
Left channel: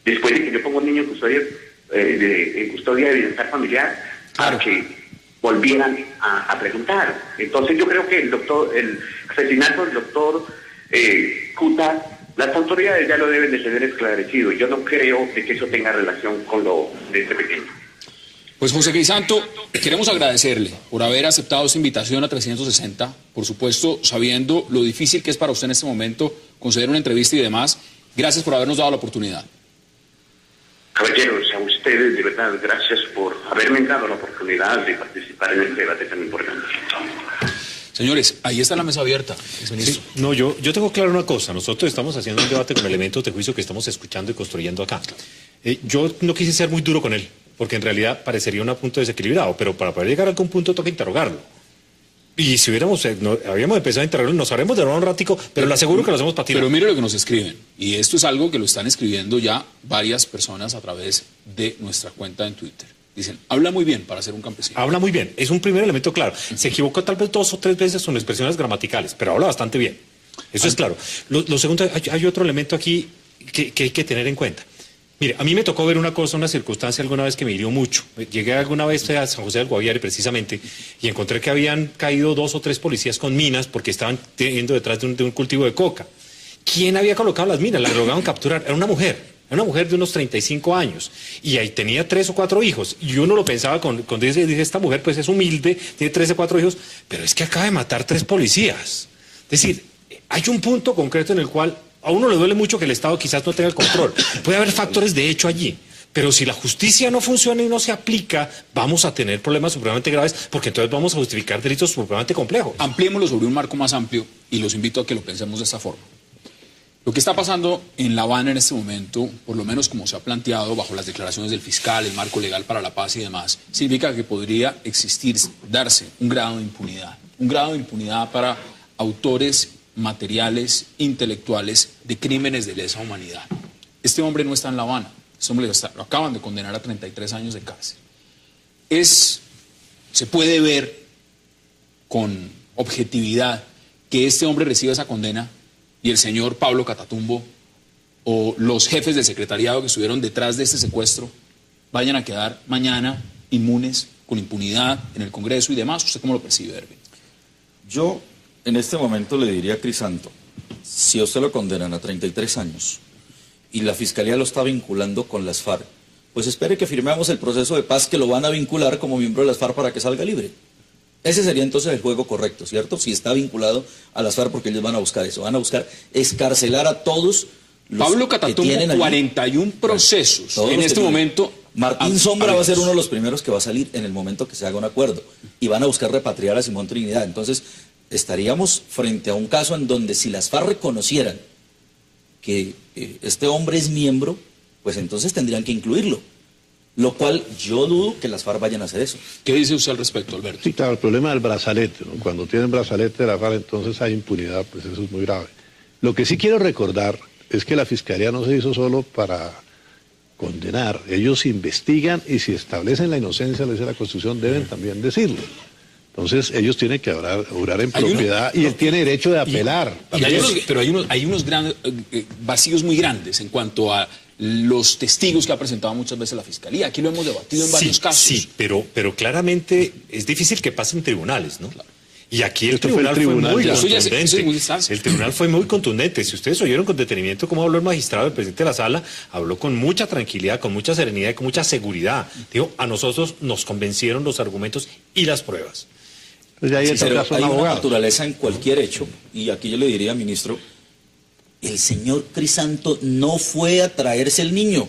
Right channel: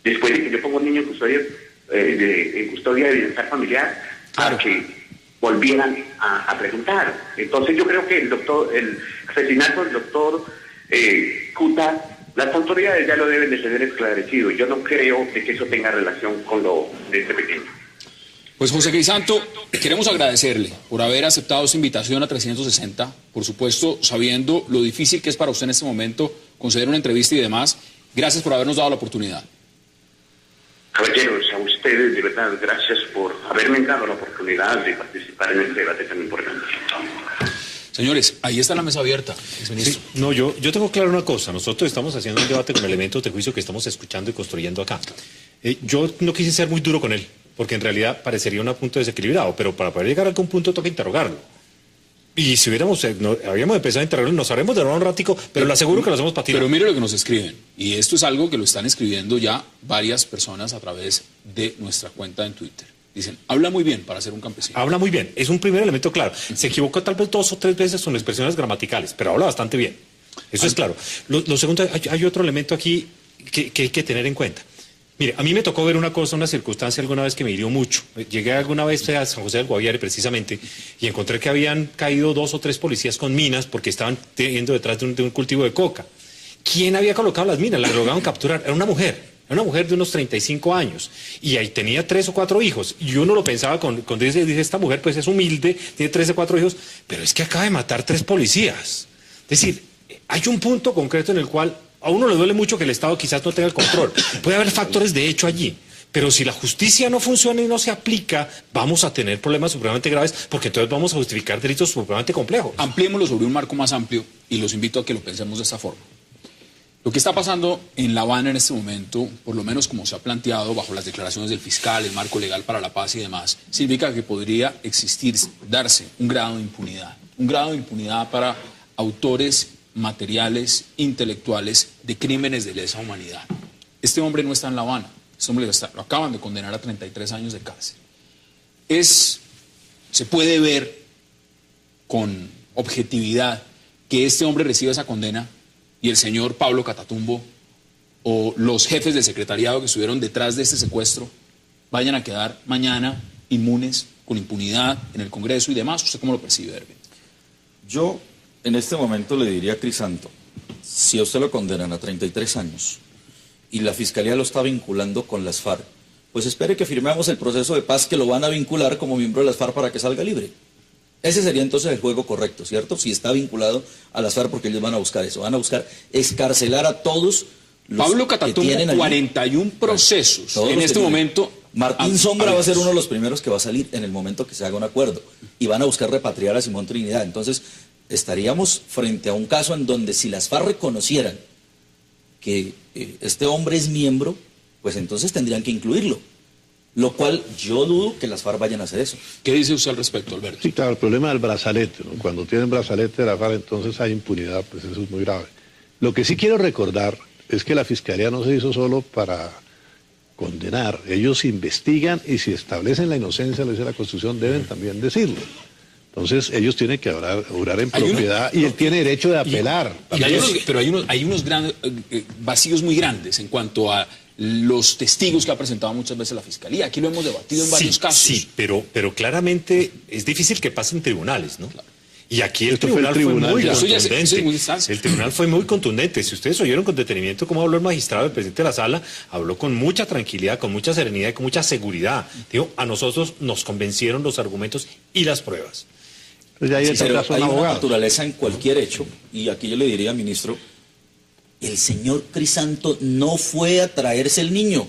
después de que yo pongo un niño en custodia de bienestar familiar, para que volvieran a preguntar. Entonces yo creo que el asesinato del doctor Cuta, las autoridades ya lo deben de tener esclarecido. Yo no creo de que eso tenga relación con lo de este pequeño. Pues José Crisanto, queremos agradecerle por haber aceptado esta invitación a 360, por supuesto, sabiendo lo difícil que es para usted en este momento conceder una entrevista y demás. Gracias por habernos dado la oportunidad. Caballeros, a ustedes de verdad, gracias por haberme dado la oportunidad de participar en este debate tan importante. Señores, ahí está la mesa abierta. Sí, no, yo tengo claro una cosa. Nosotros estamos haciendo un debate con elementos de juicio que estamos escuchando y construyendo acá. Yo no quise ser muy duro con él, porque en realidad parecería un punto desequilibrado, pero para poder llegar a algún punto toca interrogarlo. Y si habíamos empezado a interrogarlo, nos haremos de nuevo un ratico, pero le aseguro que lo hacemos para ti. Pero mire lo que nos escriben, y esto es algo que lo están escribiendo ya varias personas a través de nuestra cuenta en Twitter. Dicen, habla muy bien para ser un campesino. Habla muy bien, es un primer elemento claro. Se equivoca tal vez 2 o 3 veces con expresiones gramaticales, pero habla bastante bien. Eso es claro. Lo segundo, hay otro elemento aquí que hay que tener en cuenta. Mire, a mí me tocó ver una cosa, una circunstancia alguna vez que me hirió mucho. Llegué alguna vez a San José del Guaviare precisamente y encontré que habían caído 2 o 3 policías con minas porque estaban yendo detrás de un cultivo de coca. ¿Quién había colocado las minas? La lograron capturar. Era una mujer de unos 35 años y ahí tenía 3 o 4 hijos y uno lo pensaba con esta mujer pues es humilde, tiene 3 o 4 hijos, pero es que acaba de matar 3 policías. Es decir, hay un punto concreto en el cual a uno le duele mucho que el Estado quizás no tenga el control. Puede haber factores de hecho allí, pero si la justicia no funciona y no se aplica, vamos a tener problemas supremamente graves porque entonces vamos a justificar delitos supremamente complejos. Ampliémoslo sobre un marco más amplio y los invito a que lo pensemos de esta forma. Lo que está pasando en La Habana en este momento, por lo menos como se ha planteado bajo las declaraciones del fiscal, el marco legal para la paz y demás, significa que podría existir, darse un grado de impunidad para autores materiales, intelectuales de crímenes de lesa humanidad. Este hombre no está en La Habana, este hombre lo acaban de condenar a 33 años de cárcel. Se puede ver con objetividad que este hombre reciba esa condena y el señor Pablo Catatumbo o los jefes del secretariado que estuvieron detrás de este secuestro vayan a quedar mañana inmunes, con impunidad en el Congreso y demás. ¿Usted cómo lo percibe, Herbert? Yo en este momento le diría a Crisanto, si a usted lo condenan a 33 años y la Fiscalía lo está vinculando con las FARC, pues espere que firmemos el proceso de paz que lo van a vincular como miembro de las FARC para que salga libre. Ese sería entonces el juego correcto, ¿cierto? Si está vinculado a las FARC, porque ellos van a buscar eso, van a buscar escarcelar a todos los Pablo que Catatumbo, tienen allí 41 procesos todos en los este que momento. Martín Sombra va a ser uno de los primeros que va a salir en el momento que se haga un acuerdo y van a buscar repatriar a Simón Trinidad. Entonces estaríamos frente a un caso en donde si las FARC reconocieran que este hombre es miembro, pues entonces tendrían que incluirlo. Lo cual yo dudo que las FARC vayan a hacer eso. ¿Qué dice usted al respecto, Alberto? Sí, claro, el problema del brazalete, ¿no? Cuando tienen brazalete de la FARC, entonces hay impunidad, pues eso es muy grave. Lo que sí quiero recordar es que la Fiscalía no se hizo solo para condenar. Ellos investigan y si establecen la inocencia, lo dice la Constitución, deben también decirlo. Entonces ellos tienen que orar en propiedad y él tiene derecho de apelar. Pero hay unos grandes vacíos muy grandes en cuanto a los testigos que ha presentado muchas veces la Fiscalía. Aquí lo hemos debatido en varios casos. Sí, pero claramente es difícil que pase en tribunales, ¿no? Claro. Y aquí el Esto fue el tribunal fue muy tribunal, contundente. eso es muy fácil. El tribunal fue muy contundente. Si ustedes oyeron con detenimiento cómo habló el magistrado, el presidente de la sala, habló con mucha tranquilidad, con mucha serenidad y con mucha seguridad. Digo, a nosotros nos convencieron los argumentos y las pruebas. Pues ahí Sí, está pero el caso hay del una abogado. naturaleza en cualquier hecho, y aquí yo le diría, ministro, el señor Crisanto no fue a traerse el niño,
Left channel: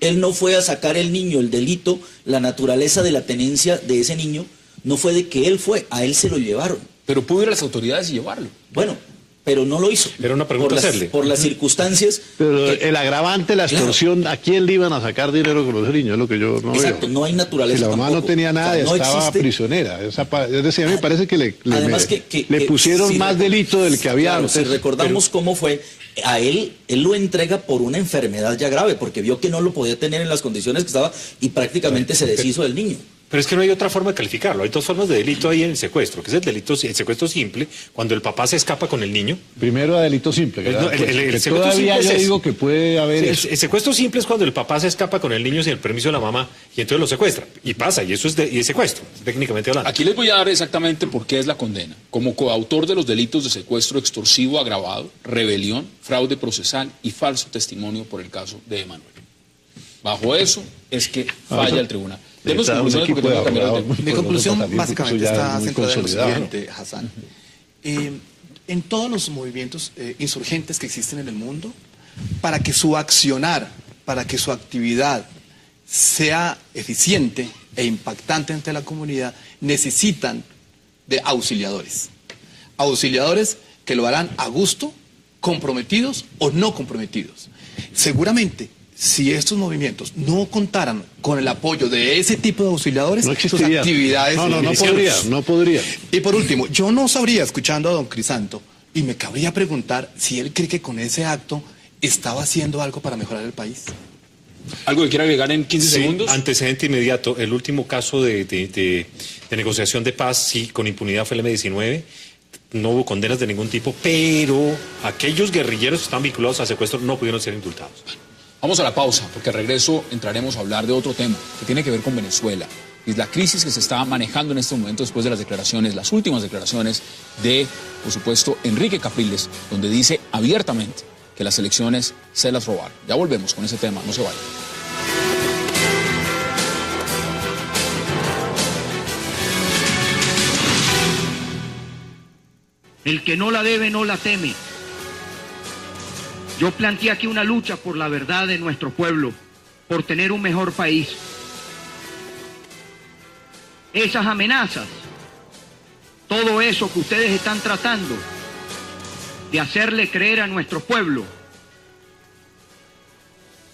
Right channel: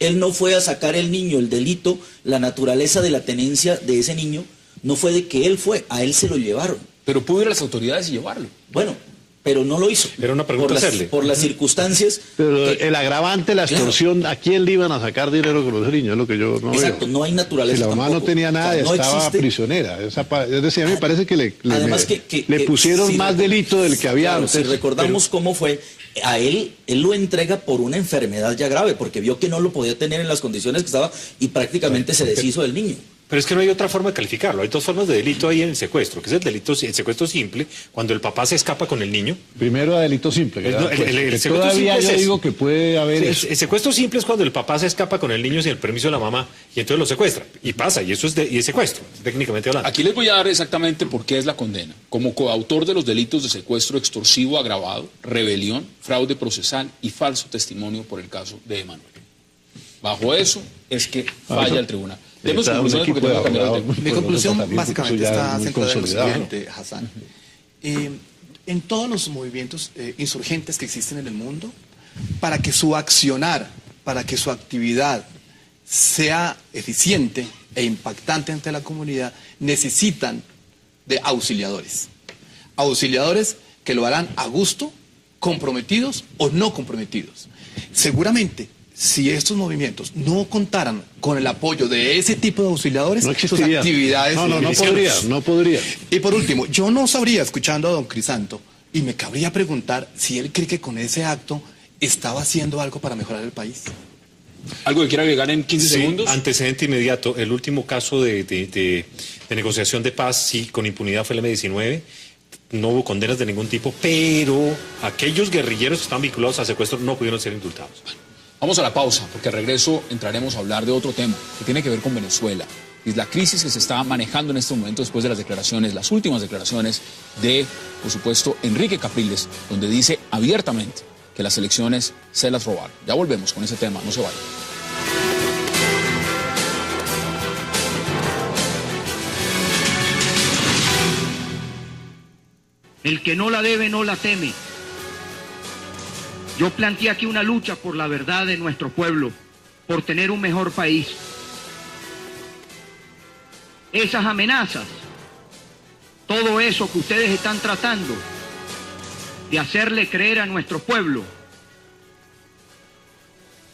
él no fue a sacar el niño, el delito, la naturaleza de la tenencia de ese niño, no fue de que él fue, a él se lo llevaron. Pero pudo ir a las autoridades y llevarlo. Bueno, pero no lo hizo. Era una pregunta hacerle. Por las circunstancias. Pero el agravante, la extorsión, ¿a quién le iban a sacar dinero con ese niño? Es lo que yo no Exacto, veo. no hay naturaleza. Si la mamá tampoco. no tenía nada, O sea, no estaba existe- prisionera. Es decir, a mí me parece que le Además le pusieron si más recor- delito del que había claro, antes. si recordamos cómo fue, a él lo entrega por una enfermedad ya grave, porque vio que no lo podía tener en las condiciones que estaba y prácticamente se deshizo del niño. Pero es que no hay otra forma de calificarlo. Hay 2 formas de delito ahí en el secuestro, que es el secuestro simple, cuando el papá se escapa con el niño. Primero a delito simple. Que No, el secuestro todavía simple yo es ese. digo que puede haber Sí, eso. el secuestro simple es cuando el papá se escapa con el niño sin el permiso de la mamá y entonces lo secuestra. Y pasa, y eso es secuestro, técnicamente hablando. Aquí les voy a dar exactamente por qué es la condena. Como coautor de los delitos de secuestro extorsivo agravado, rebelión, fraude procesal y falso testimonio por el caso de Emanuel. Bajo eso es que falla el tribunal. Demos Está un conclusiones porque equipo de tengo que cambiar de abogados tema. muy Mi conclusión poderoso, básicamente eso ya está es muy centrada en lo consolidado, ¿no? siguiente, Hassan. En todos los movimientos insurgentes que existen en el mundo, para que su accionar, para que su actividad sea eficiente e impactante ante la comunidad, necesitan de auxiliadores. Auxiliadores que lo harán a gusto, comprometidos o no comprometidos. Seguramente, si estos movimientos no contaran con el apoyo de ese tipo de auxiliadores, No sus existiría. actividades... No podría. Y por último, yo no sabría, escuchando a don Crisanto, y me cabría preguntar si él cree que con ese acto estaba haciendo algo para mejorar el país. ¿Algo que quiera agregar en 15 Sí, segundos? antecedente inmediato, el último caso de negociación de paz, sí, con impunidad fue el M-19, no hubo condenas de ningún tipo, pero aquellos guerrilleros que estaban vinculados a secuestro no pudieron ser indultados. Vamos a la pausa, porque al regreso entraremos a hablar de otro tema que tiene que ver con Venezuela. Y la crisis que se está manejando en este momento después de las declaraciones, las últimas declaraciones de, por supuesto, Enrique Capriles, donde dice abiertamente que las elecciones se las robaron. Ya volvemos con ese tema, no se vayan. El que no la debe no la teme. Yo planteé aquí una lucha por la verdad de nuestro pueblo, por tener un mejor país. Esas amenazas, todo eso que ustedes están tratando de hacerle creer a nuestro pueblo,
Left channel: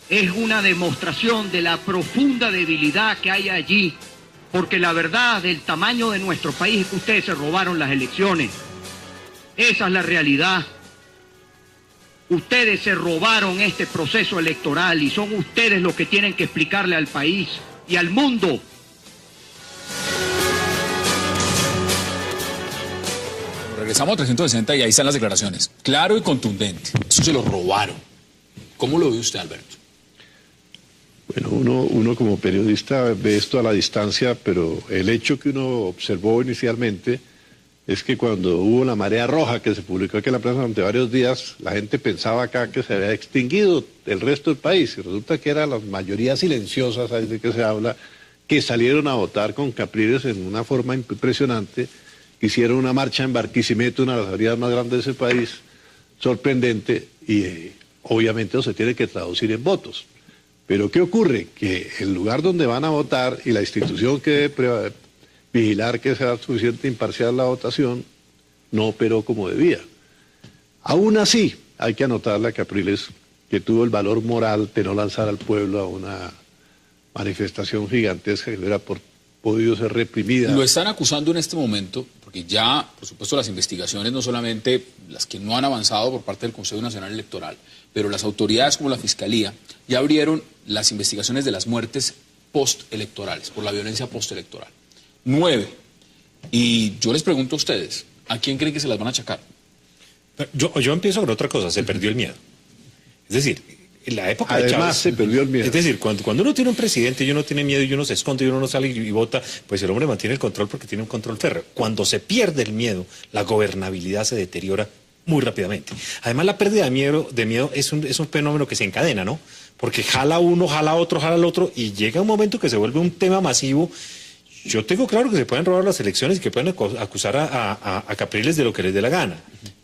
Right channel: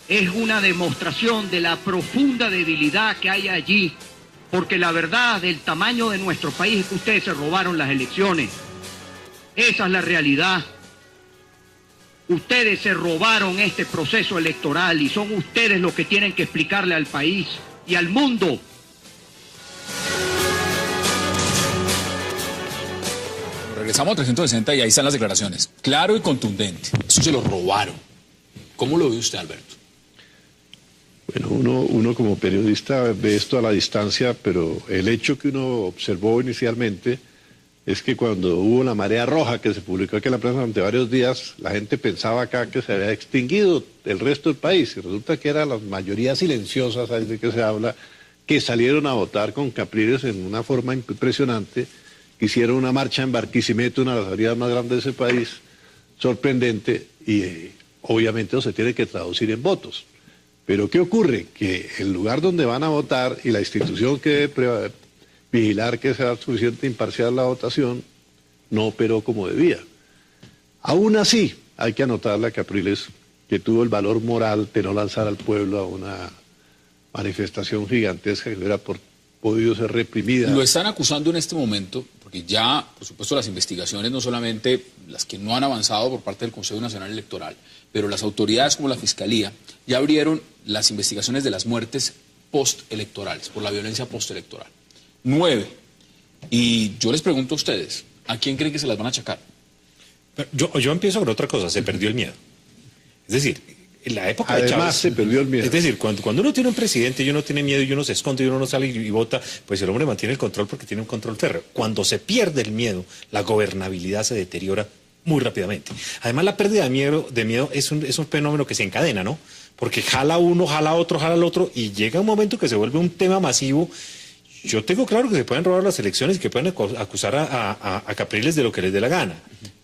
es una demostración de la profunda debilidad que hay allí, porque la verdad del tamaño de nuestro país es que ustedes se robaron las elecciones. Esa es la realidad. Ustedes se robaron este proceso electoral y son ustedes los que tienen que explicarle al país y al mundo. Regresamos a 360 y ahí están las declaraciones. Claro y contundente. Eso se lo robaron. ¿Cómo lo ve usted, Alberto? Bueno, uno como periodista ve esto a la distancia, pero el hecho que uno observó inicialmente es que cuando hubo la marea roja que se publicó aquí en la plaza durante varios días, la gente pensaba acá que se había extinguido el resto del país, y resulta que eran las mayorías silenciosas, ahí de que se habla, que salieron a votar con Capriles en una forma impresionante, hicieron una marcha en Barquisimeto, una de las avenidas más grandes de ese país, sorprendente, y obviamente eso se tiene que traducir en votos. Pero ¿qué ocurre? Que el lugar donde van a votar y la institución que debe vigilar que sea suficiente imparcial la votación, no operó como debía. Aún así, hay que anotarle a Capriles que tuvo el valor moral de no lanzar al pueblo a una manifestación gigantesca que hubiera podido ser reprimida. Lo están acusando en este momento, porque ya, por supuesto, las investigaciones, no solamente las que no han avanzado por parte del Consejo Nacional Electoral, pero las autoridades como la Fiscalía ya abrieron las investigaciones de las muertes postelectorales, por la violencia postelectoral. 9. Y yo les pregunto a ustedes, ¿a quién creen que se las van a achacar? Yo empiezo con otra cosa, se perdió el miedo. Es decir, en la época de Además, Chávez, se perdió el miedo. Es decir, cuando uno tiene un presidente y uno tiene miedo y uno se esconde y uno no sale y vota, pues el hombre mantiene el control porque tiene un control férreo. Cuando se pierde el miedo, la gobernabilidad se deteriora muy rápidamente. Además, la pérdida de miedo es un fenómeno que se encadena, ¿no? Porque jala uno, jala otro, jala el otro, y llega un momento que se vuelve un tema masivo. Yo tengo claro que se pueden robar las elecciones y que pueden acusar a Capriles de lo que les dé la gana.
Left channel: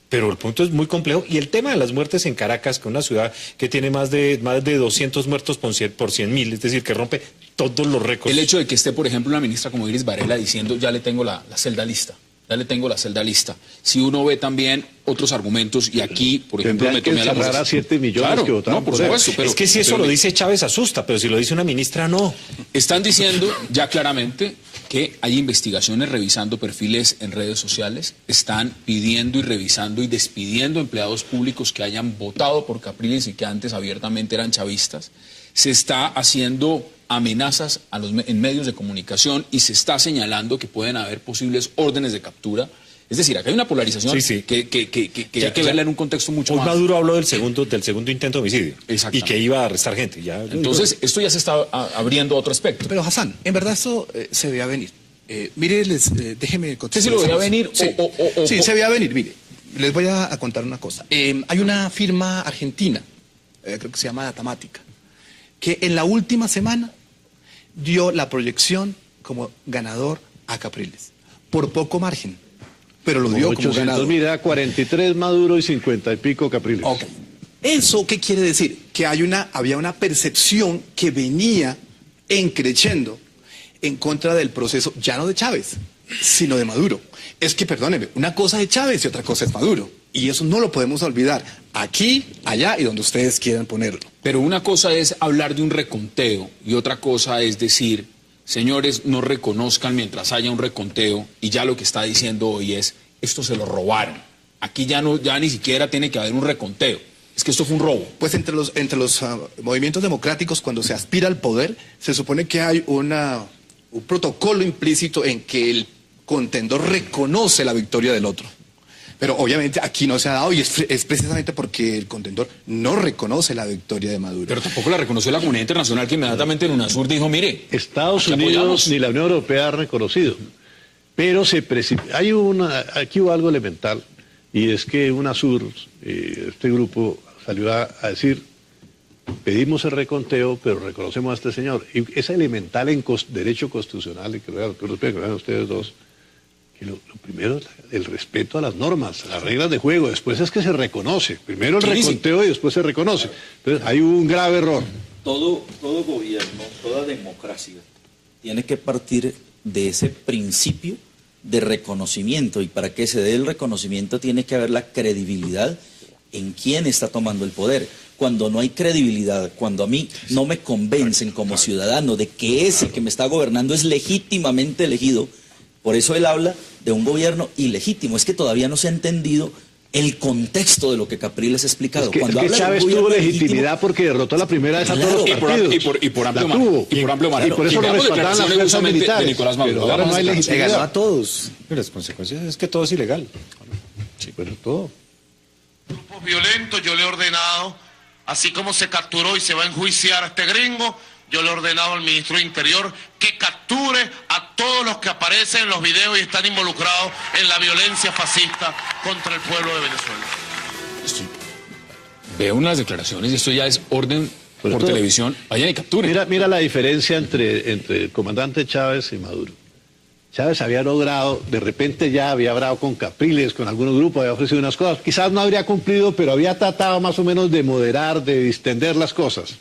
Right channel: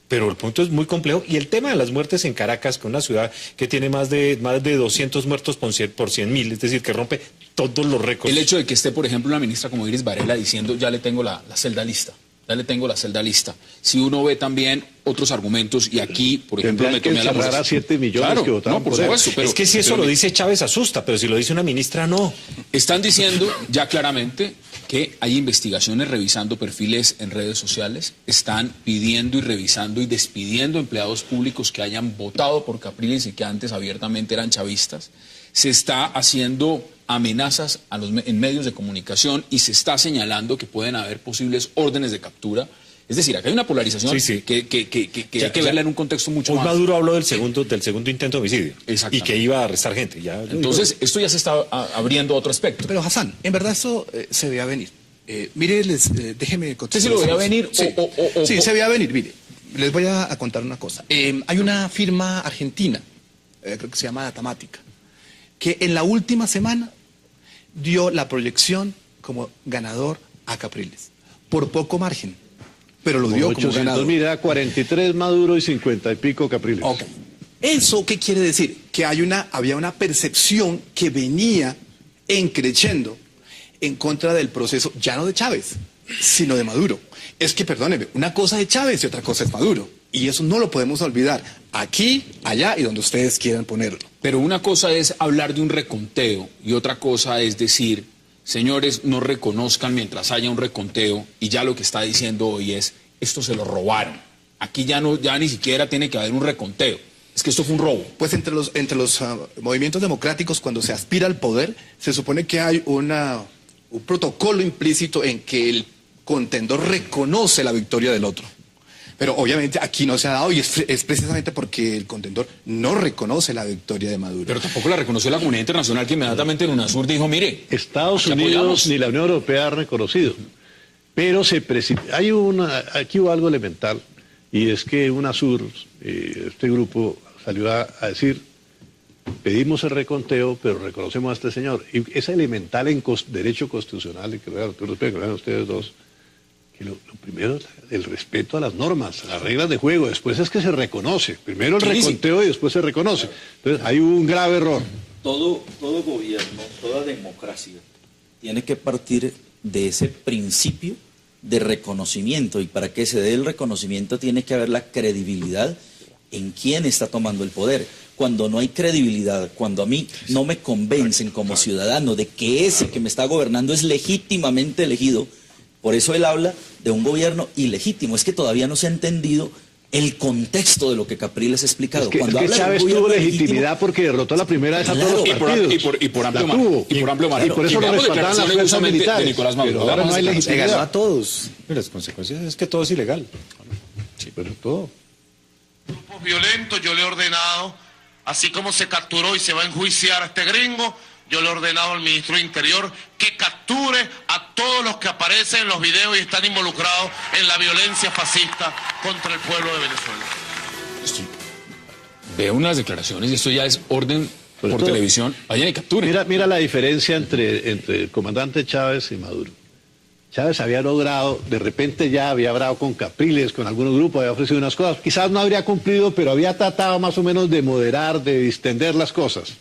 Pero el punto es muy complejo. Y el tema de las muertes en Caracas, que es una ciudad que tiene más de 200 muertos por 100.000, es decir, que rompe todos los récords. El hecho de que esté, por ejemplo, una ministra como Iris Varela diciendo, ya le tengo la celda lista. Ya le tengo la celda lista. Si uno ve también otros argumentos, y aquí, por ejemplo, me tomé a 7 millones que votaron por por supuesto, pero es que si eso lo dice Chávez asusta, pero si lo dice una ministra, no. Están diciendo ya claramente que hay investigaciones revisando perfiles en redes sociales, están pidiendo y revisando y despidiendo empleados públicos que hayan votado por Capriles y que antes abiertamente eran chavistas. Se está haciendo amenazas en medios de comunicación y se está señalando que pueden haber posibles órdenes de captura. Es decir, acá hay una polarización que hay que verla en un contexto mucho más. Maduro habló del segundo intento de homicidio y que iba a arrestar gente. Entonces, esto ya se está abriendo otro aspecto. Pero Hassan, en verdad esto se veía venir. Mire, déjeme contestar. ¿Sí se lo veía venir? Sí, se veía venir, mire. Les voy a contar una cosa. Hay una firma argentina, creo que se llama Datamática, que en la última semana dio la proyección como ganador a Capriles, por poco margen, pero lo dio como ganador. Mira, 43 Maduro y 50 y pico Capriles. Okay. ¿Eso qué quiere decir? Que había una percepción que venía encreciendo en contra del proceso, ya no de Chávez, sino de Maduro. Es que, perdónenme, una cosa es Chávez y otra cosa es Maduro. Y eso no lo podemos olvidar, aquí, allá y donde ustedes quieran ponerlo. Pero una cosa es hablar de un reconteo y otra cosa es decir, señores, no reconozcan mientras haya un reconteo, y ya lo que está diciendo hoy es, esto se lo robaron. Aquí ya ni siquiera tiene que haber un reconteo. Es que esto fue un robo. Pues entre los movimientos democráticos, cuando se aspira al poder, se supone que hay un protocolo implícito en que el contendor reconoce la victoria del otro. Pero obviamente aquí no se ha dado y es precisamente porque el contendor no reconoce la victoria de Maduro. Pero tampoco la reconoció la comunidad internacional, que inmediatamente en UNASUR dijo, mire, Estados aquí Unidos apoyamos. ni la Unión Europea ha reconocido. Pero aquí hubo algo elemental, y es que UNASUR, este grupo, salió a decir, pedimos el reconteo, pero reconocemos a este señor. Y es elemental en derecho constitucional, y que vean ustedes dos, que lo primero es el respeto a las normas, a las reglas de juego, después es que se reconoce. Primero el reconteo y después se reconoce. Entonces hay un grave error. Todo gobierno, toda democracia tiene que partir de ese principio de reconocimiento, y para que se dé el reconocimiento tiene que haber la credibilidad en quién está tomando el poder. Cuando no hay credibilidad, cuando a mí no me convencen como ciudadano de que ese que me está gobernando es legítimamente elegido, por eso él habla de un gobierno ilegítimo. Es que todavía no se ha entendido el contexto de lo que Capriles ha explicado. Es que Cuando habla de un Chávez gobierno tuvo legítimo, legitimidad porque derrotó la primera vez a Claro. todos los partidos. Y por amplio La tuvo. margen. Y por amplio margen. Y por eso Y lo veamos respaldaban las declaraciones fuerzas justamente militares. de Nicolás Maduro. Pero ahora no hay Veamos legitimidad. A todos. Pero las consecuencias es que todo es ilegal. Sí, pero todo. Grupos violentos, yo le he ordenado, así como se capturó y se va a enjuiciar a este gringo, yo le he ordenado al ministro de Interior que capture a todos los que aparecen en los videos y están involucrados en la violencia fascista contra el pueblo de Venezuela. Veo unas declaraciones y esto ya es orden Pues por todo. televisión. Vaya y capture. Mira la diferencia entre el comandante Chávez y Maduro. Chávez había logrado, de repente ya había hablado con Capriles, con algunos grupos, había ofrecido unas cosas. Quizás no habría cumplido, pero había tratado más o menos de moderar, de distender las cosas.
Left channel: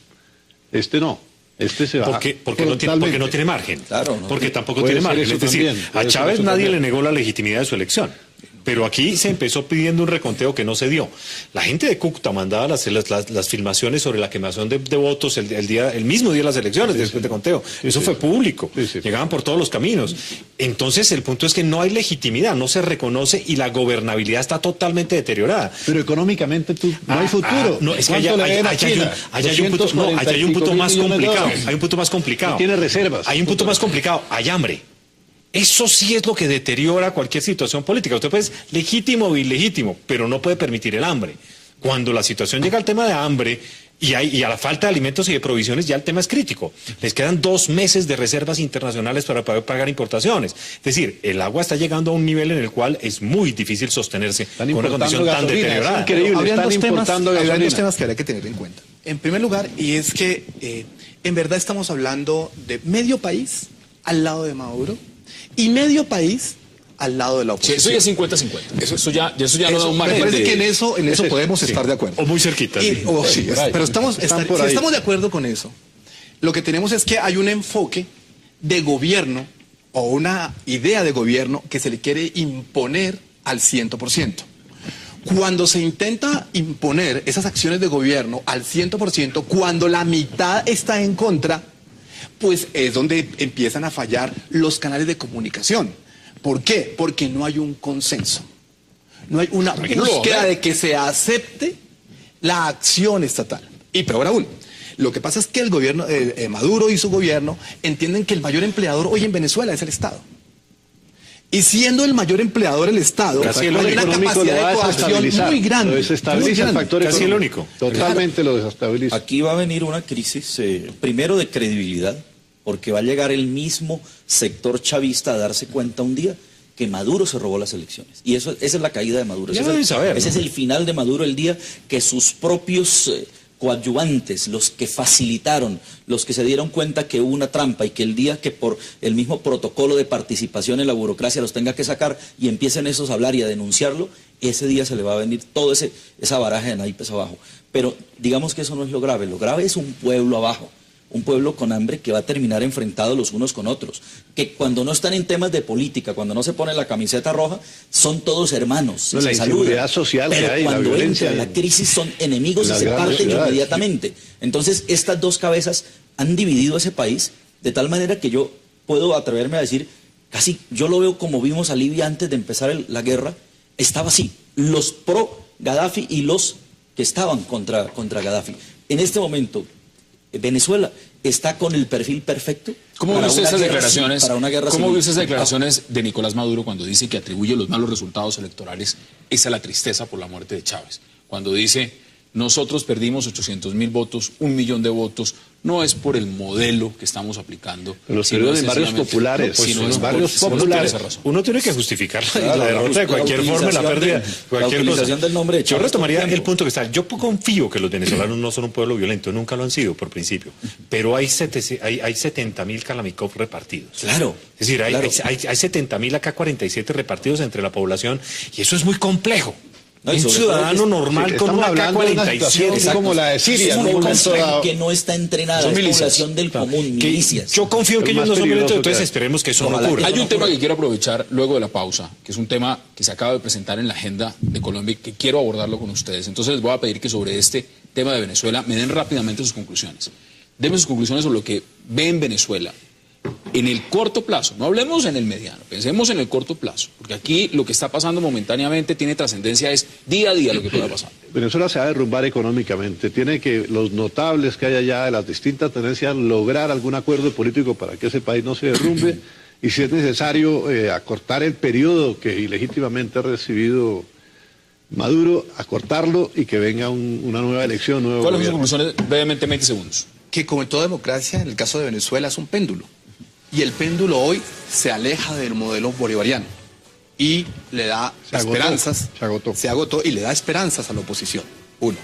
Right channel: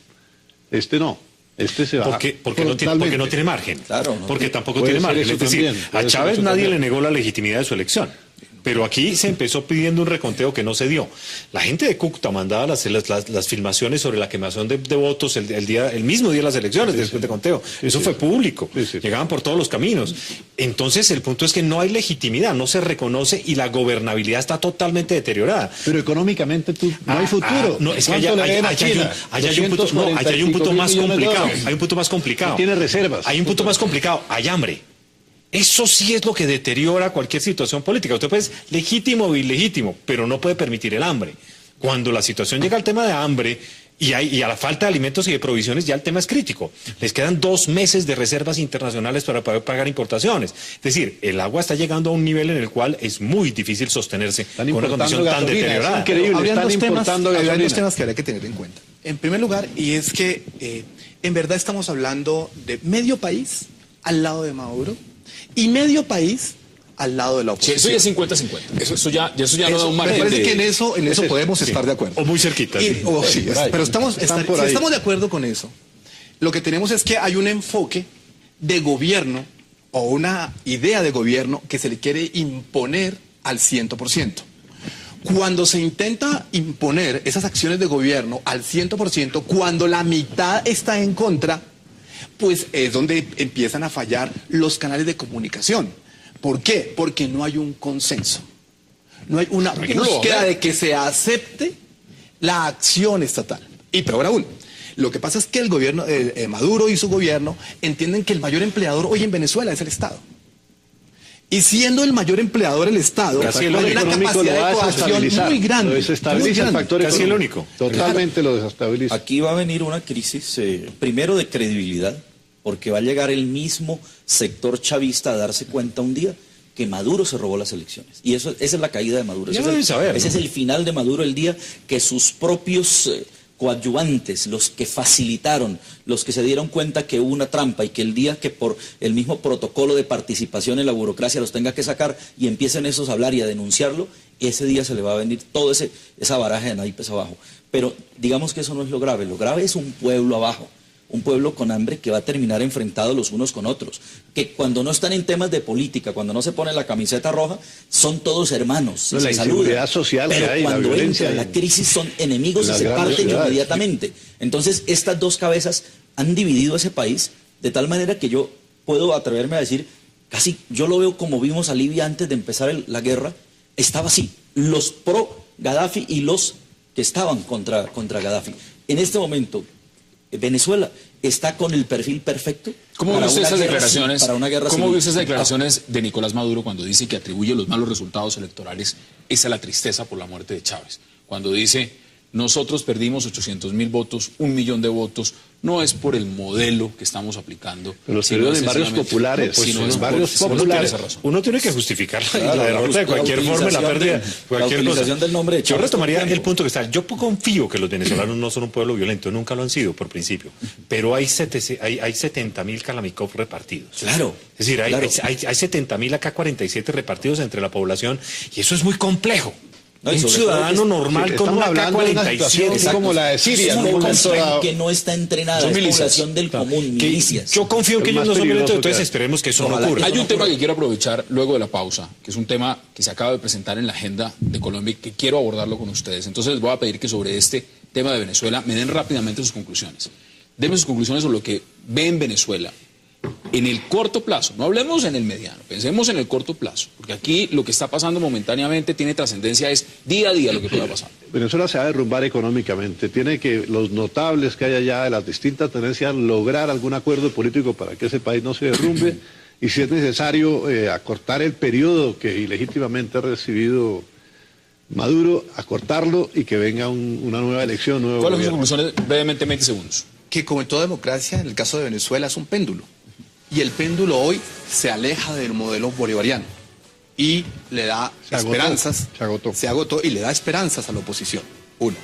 Este no. Este se va. Porque no tiene margen. Claro, ¿no? Porque tampoco Puede tiene ser margen. eso Es decir, también, a puede ser Chávez eso nadie también. le negó la legitimidad de su elección. Pero aquí se empezó pidiendo un reconteo que no se dio. La gente de Cúcuta mandaba las filmaciones sobre la quemación de votos el mismo día de las elecciones, después de conteo. Eso fue público. Sí. Llegaban por todos los caminos. Entonces el punto es que no hay legitimidad, no se reconoce y la gobernabilidad está totalmente deteriorada. Pero económicamente no hay futuro. No, es que ¿Cuánto le deben a China? hay un punto más 245 millones de complicado. dólares. Hay un punto más complicado. Y tiene reservas. Hay un punto más complicado. Hay hambre. Eso sí es lo que deteriora cualquier situación política. Usted puede ser legítimo o ilegítimo, pero no puede permitir el hambre. Cuando la situación llega al tema de hambre y a la falta de alimentos y de provisiones, ya el tema es crítico. Les quedan 2 meses de reservas internacionales para pagar importaciones. Es decir, el agua está llegando a un nivel en el cual es muy difícil sostenerse con una condición tan deteriorada. Habrían dos temas gasolina. que habría que tener en cuenta. En primer lugar, y es que en verdad estamos hablando de medio país al lado de Maduro y medio país al lado de la Sí, oposición. eso ya es 50-50. Eso ya no da un Me margen parece de... que en eso podemos estar de acuerdo. O muy cerquita. Sí, pero si estamos de acuerdo con eso, lo que tenemos es que hay un enfoque de gobierno o una idea de gobierno que se le quiere imponer al 100%. Cuando se intenta imponer esas acciones de gobierno al 100%, cuando la mitad está en contra, pues es donde empiezan a fallar los canales de comunicación. ¿Por qué? Porque no hay un consenso. No hay una búsqueda de que se acepte la acción estatal. Y peor aún, lo que pasa es que el gobierno, Maduro y su gobierno, entienden que el mayor empleador hoy en Venezuela es el Estado. Y siendo el mayor empleador el Estado, Casi hay el una único capacidad de coacción muy grande. Lo desestabiliza el factor Casi el único. Totalmente lo desestabiliza. Aquí va a venir una crisis, primero de credibilidad, porque va a llegar el mismo sector chavista a darse cuenta un día que Maduro se robó las elecciones. Y esa es la caída de Maduro. Ya lo deben saber, Ese ¿no? es el final de Maduro, el día que sus propios coadyuvantes, los que facilitaron, los que se dieron cuenta que hubo una trampa y que el día que por el mismo protocolo de participación en la burocracia los tenga que sacar y empiecen esos a hablar y a denunciarlo, ese día se le va a venir todo esa baraja de naipes abajo. Pero digamos que eso no es lo grave es un pueblo abajo. Un pueblo con hambre que va a terminar enfrentado los unos con otros, que cuando no están en temas de política, cuando no se ponen la camiseta roja, son todos hermanos, No, se la saludan. inseguridad social que Pero hay, la cuando violencia entra la crisis son enemigos y las se grandes parten ciudades. inmediatamente. Entonces, estas dos cabezas han dividido ese país de tal manera que yo puedo atreverme a decir, casi yo lo veo como vimos a Libia antes de empezar la guerra, estaba así, los pro Gaddafi y los que estaban contra Gaddafi. En este momento, Venezuela está con el perfil perfecto. ¿Cómo ve para usted una esas guerra declaraciones? para una guerra ¿Cómo civil? ve usted esas declaraciones de Nicolás Maduro cuando dice que atribuye los malos resultados electorales a la tristeza por la muerte de Chávez? Cuando dice, nosotros perdimos 800.000 votos, 1 millón de votos, no es por el modelo que estamos aplicando. Pero sino de barrios sencillamente- populares, Pues, sino es en por- barrios sí, uno tiene populares. esa razón. Uno tiene que justificar Claro, la derrota de cualquier forma, la pérdida, la cualquier utilización cosa. del nombre de Yo Chávez retomaría todo el el tiempo. punto que está. Yo confío que los venezolanos no son un pueblo violento, nunca lo han sido por principio, pero hay 70.000 Kalamikov repartidos. Claro. Es decir, hay claro. 70.000 AK-47 repartidos entre la población y eso es muy complejo. No, y Un sobre ciudadano todo normal Sí, con estamos una hablando de una AK-47. situación Exacto. como la de Siria, Es ¿no? muy Con complejo que no está entrenada, Son es milicias. población del común, Que milicias. yo confío en que Es ellos más no son violentos, peligroso entonces que- esperemos que eso no Ojalá ocurra. Hay un tema que quiero aprovechar luego de la pausa, que es un tema que se acaba de presentar en la agenda de Colombia y que quiero abordarlo con ustedes. Entonces les voy a pedir que sobre este tema de Venezuela me den rápidamente sus conclusiones. Denme sus conclusiones sobre lo que ve en Venezuela en el corto plazo. No hablemos en el mediano, pensemos en el corto plazo. Porque aquí lo que está pasando momentáneamente tiene trascendencia, es día a día lo que pueda pasar. Venezuela se va a derrumbar económicamente. Tiene que los notables que hay allá de las distintas tendencias lograr algún acuerdo político para que ese país no se derrumbe. Y si es necesario acortar el periodo que ilegítimamente ha recibido Maduro, acortarlo y que venga una nueva elección, un nuevo ¿Cuáles son gobierno. sus conclusiones? Brevemente, 20 segundos. Que como en toda democracia, en el caso de Venezuela es un péndulo. Y el péndulo hoy se aleja del modelo bolivariano y le da Se agotó, esperanzas. se agotó. Y le da esperanzas a la oposición. Uno.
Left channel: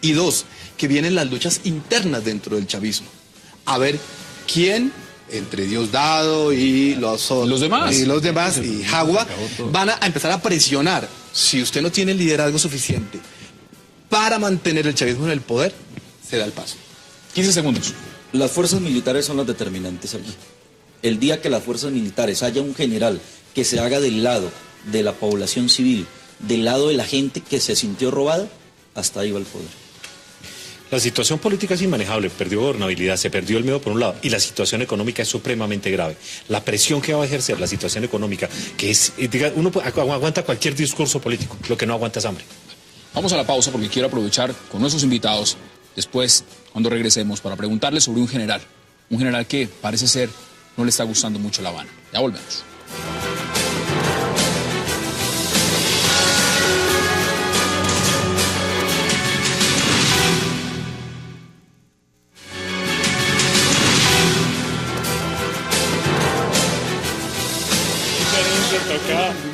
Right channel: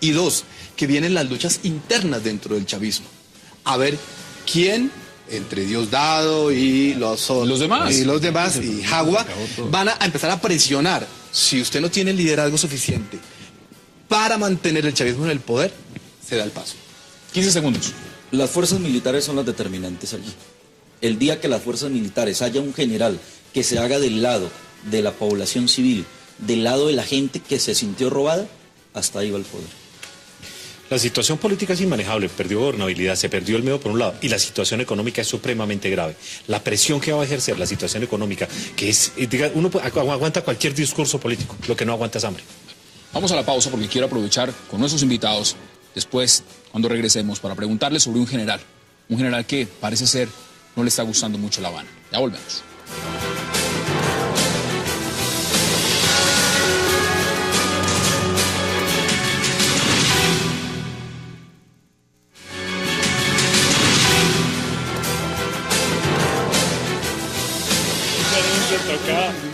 Y dos, que vienen las luchas internas dentro del chavismo. A ver quién, entre Diosdado y los demás, y Jagua, van a empezar a presionar. Si usted no tiene el liderazgo suficiente para mantener el chavismo en el poder, se da el paso. 15 segundos. Las fuerzas militares son las determinantes allí. El día que las fuerzas militares haya un general que se haga del lado de la población civil, del lado de la gente que se sintió robada, hasta ahí va el poder. La situación política es inmanejable, perdió gobernabilidad, se perdió el miedo por un lado, y la situación económica es supremamente grave. La presión que va a ejercer la situación económica, que es, uno aguanta cualquier discurso político, lo que no aguanta es hambre. Vamos a la pausa porque quiero aprovechar con nuestros invitados después, cuando regresemos, para preguntarles sobre un general que parece ser no le está gustando mucho La Habana. Ya volvemos.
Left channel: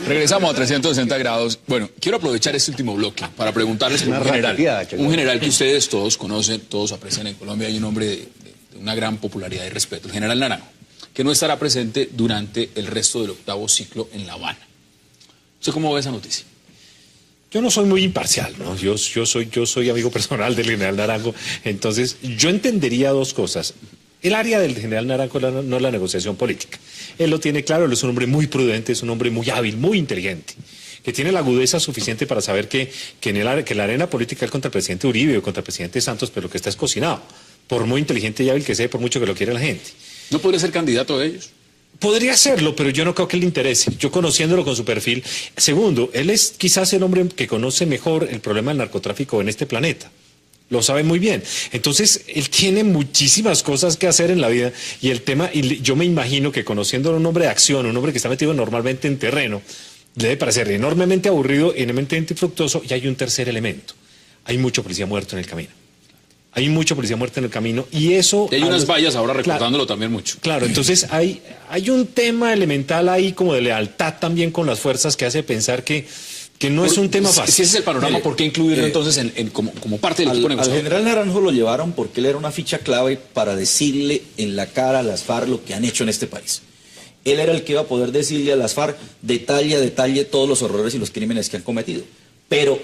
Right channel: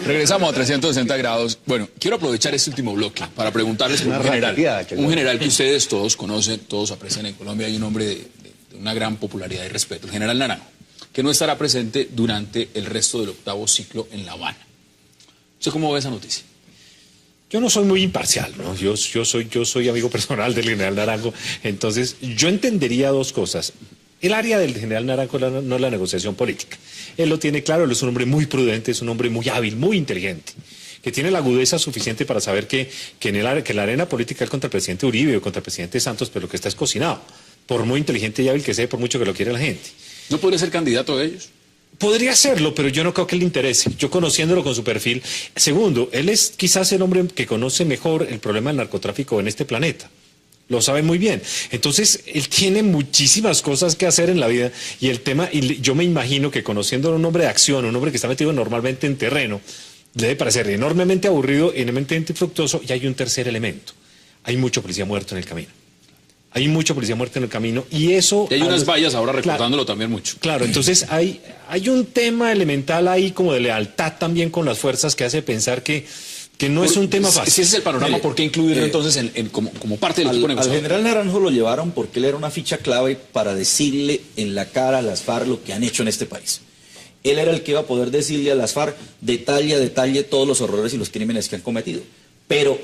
Regresamos a 360 grados. Bueno, quiero aprovechar este último bloque para preguntarles por un general que ustedes todos conocen, todos aprecian en Colombia, hay un hombre de una gran popularidad y respeto, el general Naranjo, que no estará presente durante el resto del 8º ciclo en La Habana. ¿Usted cómo ve esa noticia? Yo no soy muy imparcial, ¿no? Yo soy amigo personal del general Naranjo, entonces yo entendería dos cosas. El área del general Naranjo no es la negociación política. Él lo tiene claro, él es un hombre muy prudente, es un hombre muy hábil, muy inteligente, que tiene la agudeza suficiente para saber que la arena política es contra el presidente Uribe o contra el presidente Santos, pero que está es cocinado, por muy inteligente y hábil que sea, por mucho que lo quiera la gente. ¿No podría ser candidato a ellos? Podría serlo, pero yo no creo que le interese. Yo conociéndolo con su perfil. Segundo, él es quizás el hombre que conoce mejor el problema del narcotráfico en este planeta. Lo sabe muy bien. Entonces, él tiene muchísimas cosas que hacer en la vida y el tema, yo me imagino que conociéndolo un hombre de acción, un hombre que está metido normalmente en terreno, le debe parecer enormemente aburrido, enormemente infructuoso, y hay un tercer elemento. Hay mucho policía muerto en el camino. Hay mucho policía muerto en el camino y eso... Y hay unas vallas ahora recordándolo también mucho. Claro, entonces hay un tema elemental ahí como de lealtad también con las fuerzas que hace pensar que no es un tema fácil. Si ese es el panorama, ¿por qué incluirlo entonces como parte del equipo Al negociador? general Naranjo lo llevaron porque él era una ficha clave para decirle en la cara a las FARC lo que han hecho en este país. Él era el que iba a poder decirle a las FARC detalle a detalle todos los horrores y los crímenes que han cometido. Pero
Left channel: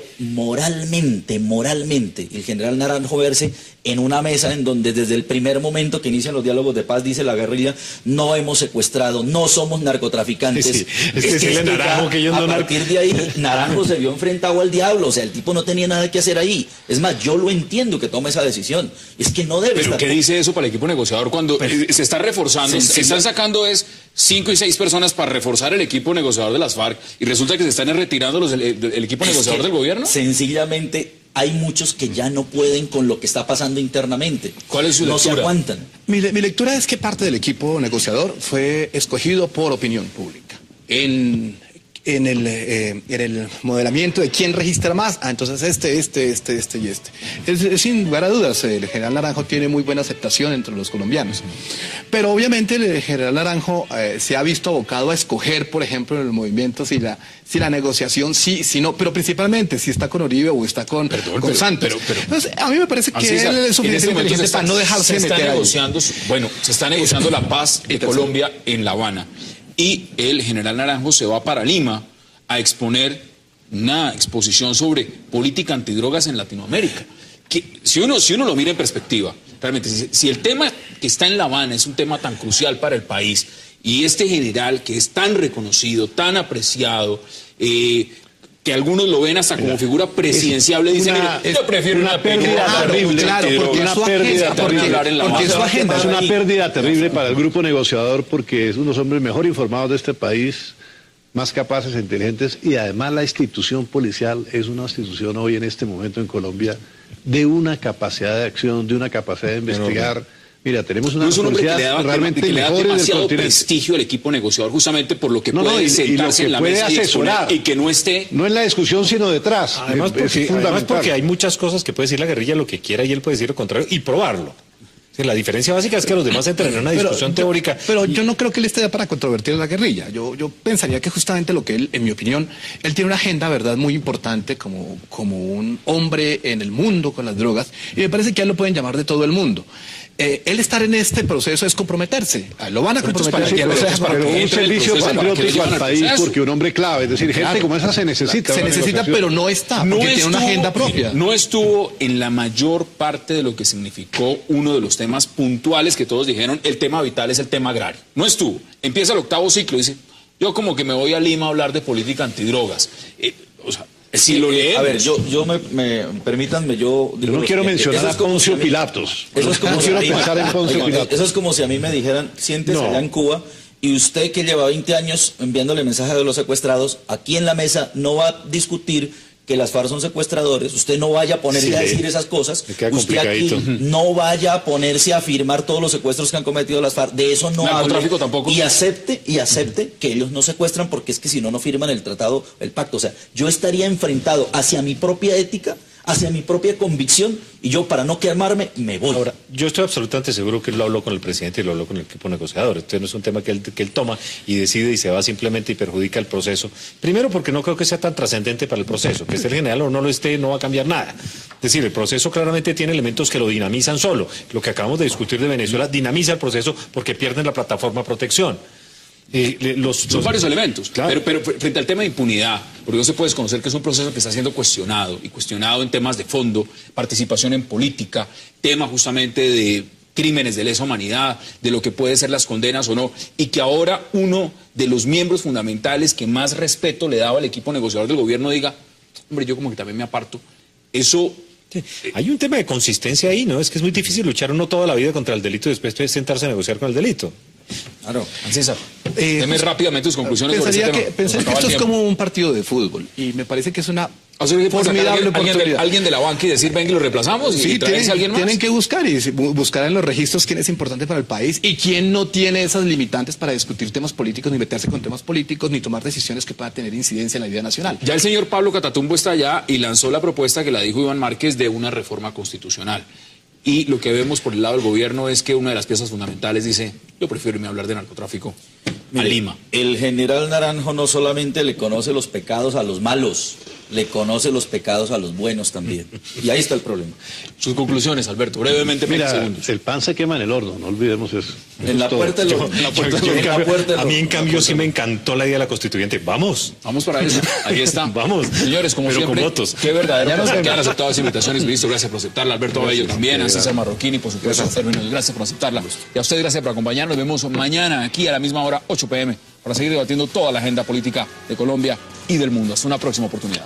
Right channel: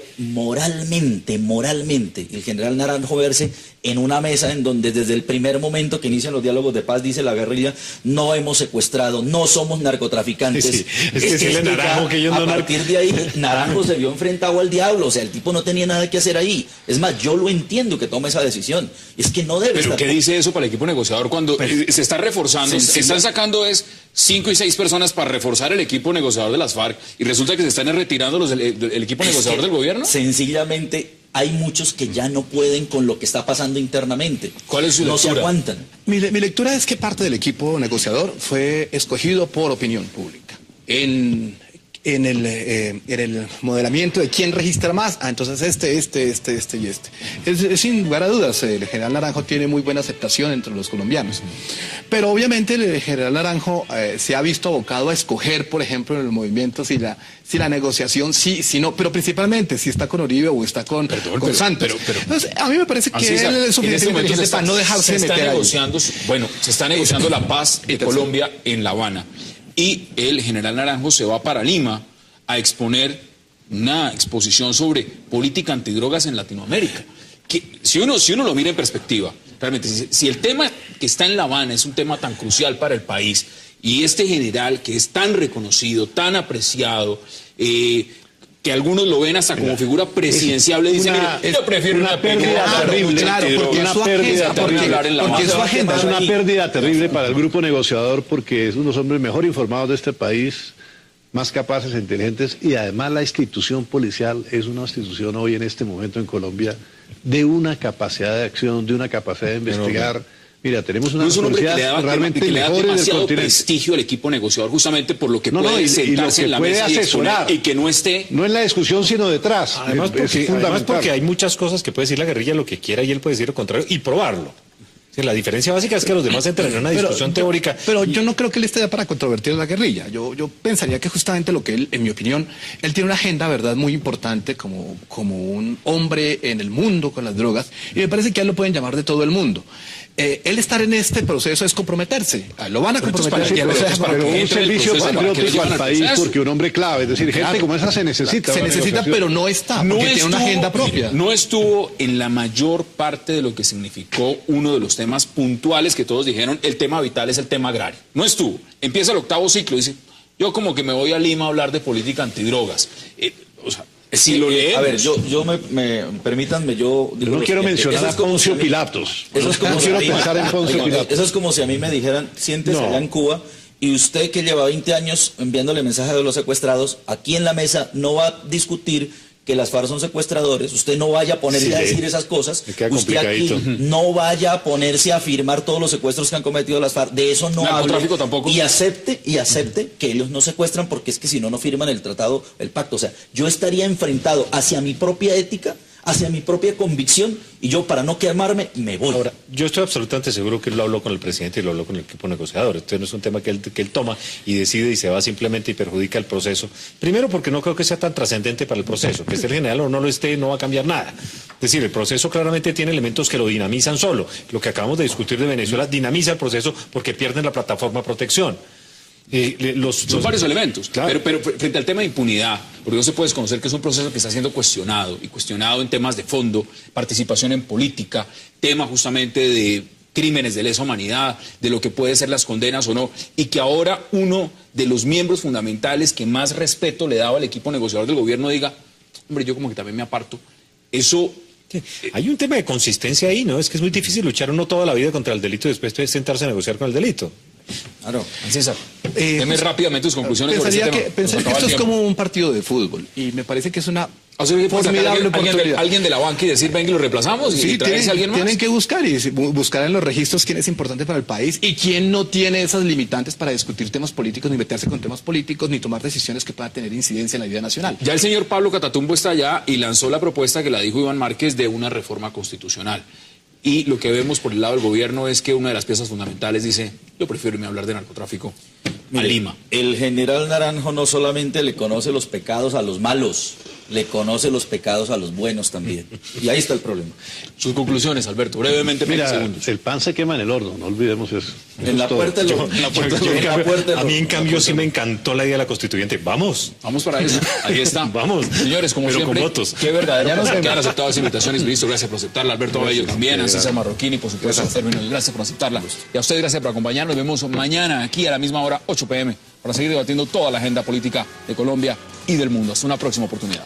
moralmente, el general Naranjo verse en una mesa en donde desde el primer momento que inician los diálogos de paz dice la guerrilla, no hemos secuestrado, no somos narcotraficantes. Sí, es decirle Naranjo que ellos a no partir de ahí, Naranjo se vio enfrentado al diablo, o sea, el tipo no tenía nada que hacer ahí. Es más, yo lo entiendo que tome esa decisión. Es que no debe ¿Pero estar... qué dice eso para el equipo negociador cuando se está reforzando? Se están sacando 5 y 6 personas para reforzar el equipo negociador de las FARC y resulta que se están retirando el equipo negociador del gobierno. Sencillamente hay muchos que ya no pueden con lo que está pasando internamente. ¿Cuál es su No se lectura? aguantan. Mi lectura es que parte del equipo negociador fue escogido por opinión pública. En el modelamiento de quién registra más, entonces este y este. Sin lugar a dudas, el general Naranjo tiene muy buena aceptación entre los colombianos. Pero obviamente el general Naranjo se ha visto abocado a escoger, por ejemplo, en el movimiento si la negociación sí, si no, pero principalmente si está con Uribe o está con Santos. Entonces, a mí me parece que César, él es suficientemente inteligente para no dejarse se está meter ahí. negociando, se está negociando la paz de Colombia en La Habana. Y el general Naranjo se va para Lima a exponer una exposición sobre política antidrogas en Latinoamérica. Que, si uno lo mira en perspectiva, realmente, si el tema que está en La Habana es un tema tan crucial para el país, y este general que es tan reconocido, tan apreciado, que algunos lo ven hasta como figura presidencial, le dicen, yo prefiero una pérdida terrible. Claro, porque Una pérdida terrible. Es una pérdida terrible para el grupo negociador porque es uno de los hombres mejor informados de este país, más capaces e inteligentes, y además la institución policial es una institución hoy en este momento en Colombia de una capacidad de acción, de una capacidad de investigar. Mira, tenemos una es un hombre que le da, realmente que le da mejores del demasiado continente. prestigio al equipo negociador, justamente por lo que No, puede y sentarse lo que en la puede mesa y asesorar. exponer, y que no esté... No en la discusión, sino detrás. Además, porque hay muchas cosas que puede decir la guerrilla lo que quiera y él puede decir lo contrario y probarlo. Sí, la diferencia básica es que los demás entran en una discusión teórica. Pero yo no creo que él esté para controvertir la guerrilla. Yo pensaría que justamente lo que él, en mi opinión, él tiene una agenda, ¿verdad?, muy importante como un hombre en el mundo con las drogas. Y me parece que a él lo pueden llamar de todo el mundo. Él estar en este proceso es comprometerse. Lo van a comprometer. Pero un servicio patriótico al país, porque un hombre clave, es decir, gente como esa se necesita. Se necesita, pero no está, porque tiene una agenda propia. No estuvo en la mayor parte de lo que significó uno de los temas puntuales que todos dijeron, el tema vital es el tema agrario. No estuvo. Empieza el 8º ciclo y dice, yo como que me voy a Lima a hablar de política antidrogas. Si lo leemos. A ver, permítanme, yo no quiero mencionar a Poncio Pilatos. Eso es como no quiero pensar en Poncio Pilatos. Eso es como si a mí me dijeran, siéntese allá en Cuba, y usted que lleva 20 años enviándole mensajes de los secuestrados, aquí en la mesa no va a discutir que las FARC son secuestradores, usted no vaya a ponerse a decir esas cosas, usted aquí no vaya a ponerse a firmar todos los secuestros que han cometido las FARC, de eso no hable, y acepte que ellos no secuestran, porque es que si no, no firman el tratado, el pacto. O sea, yo estaría enfrentado hacia mi propia ética, hacia mi propia convicción, y yo, para no quemarme, me voy. Ahora, yo estoy absolutamente seguro que él lo habló con el presidente y lo habló con el equipo negociador. Esto no es un tema que él toma y decide y se va simplemente y perjudica el proceso. Primero, porque no creo que sea tan trascendente para el proceso. Que esté el general o no lo esté, no va a cambiar nada. Es decir, el proceso claramente tiene elementos que lo dinamizan solo. Lo que acabamos de discutir de Venezuela dinamiza el proceso porque pierden la plataforma de protección. Son varios elementos, claro. pero frente al tema de impunidad, porque no se puede desconocer que es un proceso que está siendo cuestionado, y cuestionado en temas de fondo, participación en política, tema justamente de crímenes de lesa humanidad, de lo que puede ser las condenas o no, y que ahora uno de los miembros fundamentales que más respeto le daba al equipo negociador del gobierno diga, hombre, yo como que también me aparto. Eso... Hay un tema de consistencia ahí, ¿no? Es que es muy difícil luchar uno toda la vida contra el delito y después sentarse a negociar con el delito. Claro, César, deme rápidamente sus conclusiones sobre Pensaría este tema. que esto es como un partido de fútbol, y me parece que es una O sea, que formidable alguien de la banca y decir, ven que lo reemplazamos y traerse a alguien más. Tienen que buscar en los registros quién es importante para el país y quién no tiene esas limitantes para discutir temas políticos, ni meterse con temas políticos, ni tomar decisiones que puedan tener incidencia en la vida nacional. Ya el señor Pablo Catatumbo está allá y lanzó la propuesta que la dijo Iván Márquez de una reforma constitucional. Y lo que vemos por el lado del gobierno es que una de las piezas fundamentales dice, yo prefiero irme a hablar de narcotráfico a Lima. El general Naranjo no solamente le conoce los pecados a los malos, le conoce los pecados a los buenos también. Y ahí está el problema. Sus conclusiones, Alberto, brevemente. Mira, el pan se quema en el horno, no olvidemos eso. En la puerta del horno. A mí, en cambio, sí me encantó la idea de la constituyente. Vamos para eso. Ahí está. Vamos. Señores, como pero siempre, con votos. qué verdaderamente que han aceptado esa invitación y listo. Gracias por aceptarla. Alberto Bello también, a César Marroquini, por supuesto, gracias por aceptarla. Y a usted, gracias por acompañarnos. Nos vemos mañana aquí a la misma hora, 8 p.m., para seguir debatiendo toda la agenda política de Colombia y del mundo. Hasta una próxima oportunidad.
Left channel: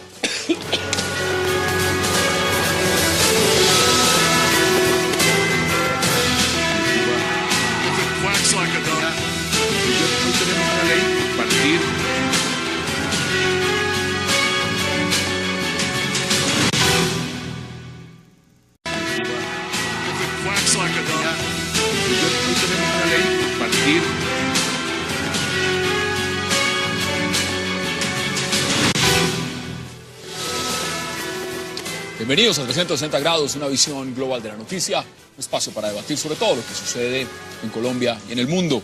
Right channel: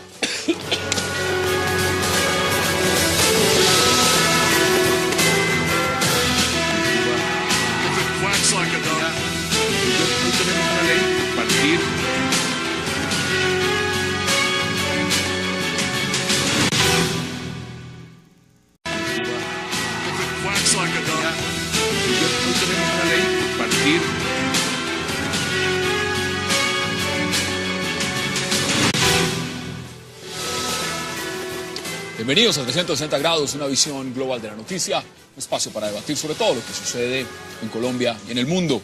Bienvenidos a 360 grados, una visión global de la noticia, un espacio para debatir sobre todo lo que sucede en Colombia y en el mundo.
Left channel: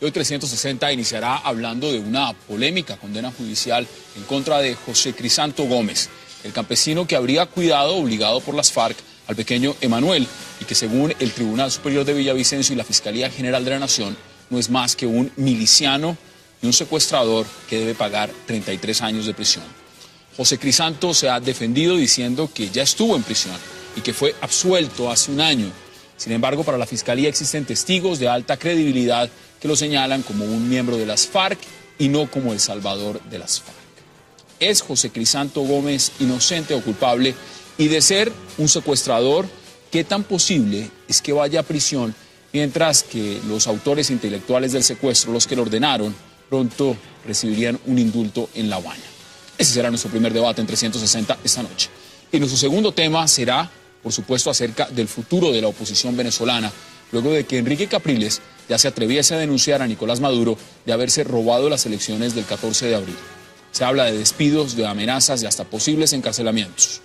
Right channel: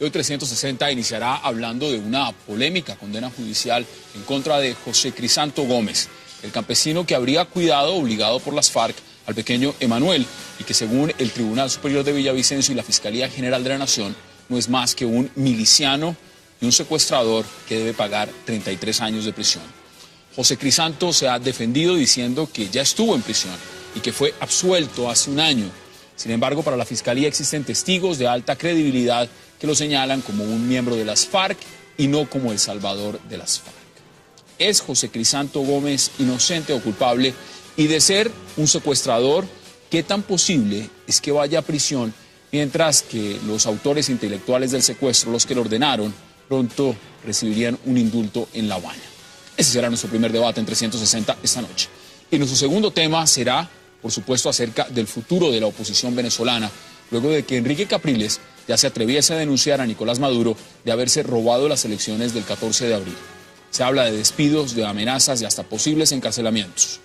Hoy 360 iniciará hablando de una polémica condena judicial en contra de José Crisanto Gómez, el campesino que habría cuidado, obligado por las FARC, al pequeño Emanuel, y que según el Tribunal Superior de Villavicencio y la Fiscalía General de la Nación, no es más que un miliciano y un secuestrador que debe pagar 33 años de prisión. José Crisanto se ha defendido diciendo que ya estuvo en prisión y que fue absuelto hace un año. Sin embargo, para la Fiscalía existen testigos de alta credibilidad que lo señalan como un miembro de las FARC y no como el salvador de las FARC. ¿Es José Crisanto Gómez inocente o culpable? Y de ser un secuestrador, ¿qué tan posible es que vaya a prisión mientras que los autores intelectuales del secuestro, los que lo ordenaron, pronto recibirían un indulto en La Habana? Ese será nuestro primer debate en 360 esta noche. Y nuestro segundo tema será, por supuesto, acerca del futuro de la oposición venezolana, luego de que Enrique Capriles ya se atreviese a denunciar a Nicolás Maduro de haberse robado las elecciones del 14 de abril. Se habla de despidos, de amenazas y hasta posibles encarcelamientos.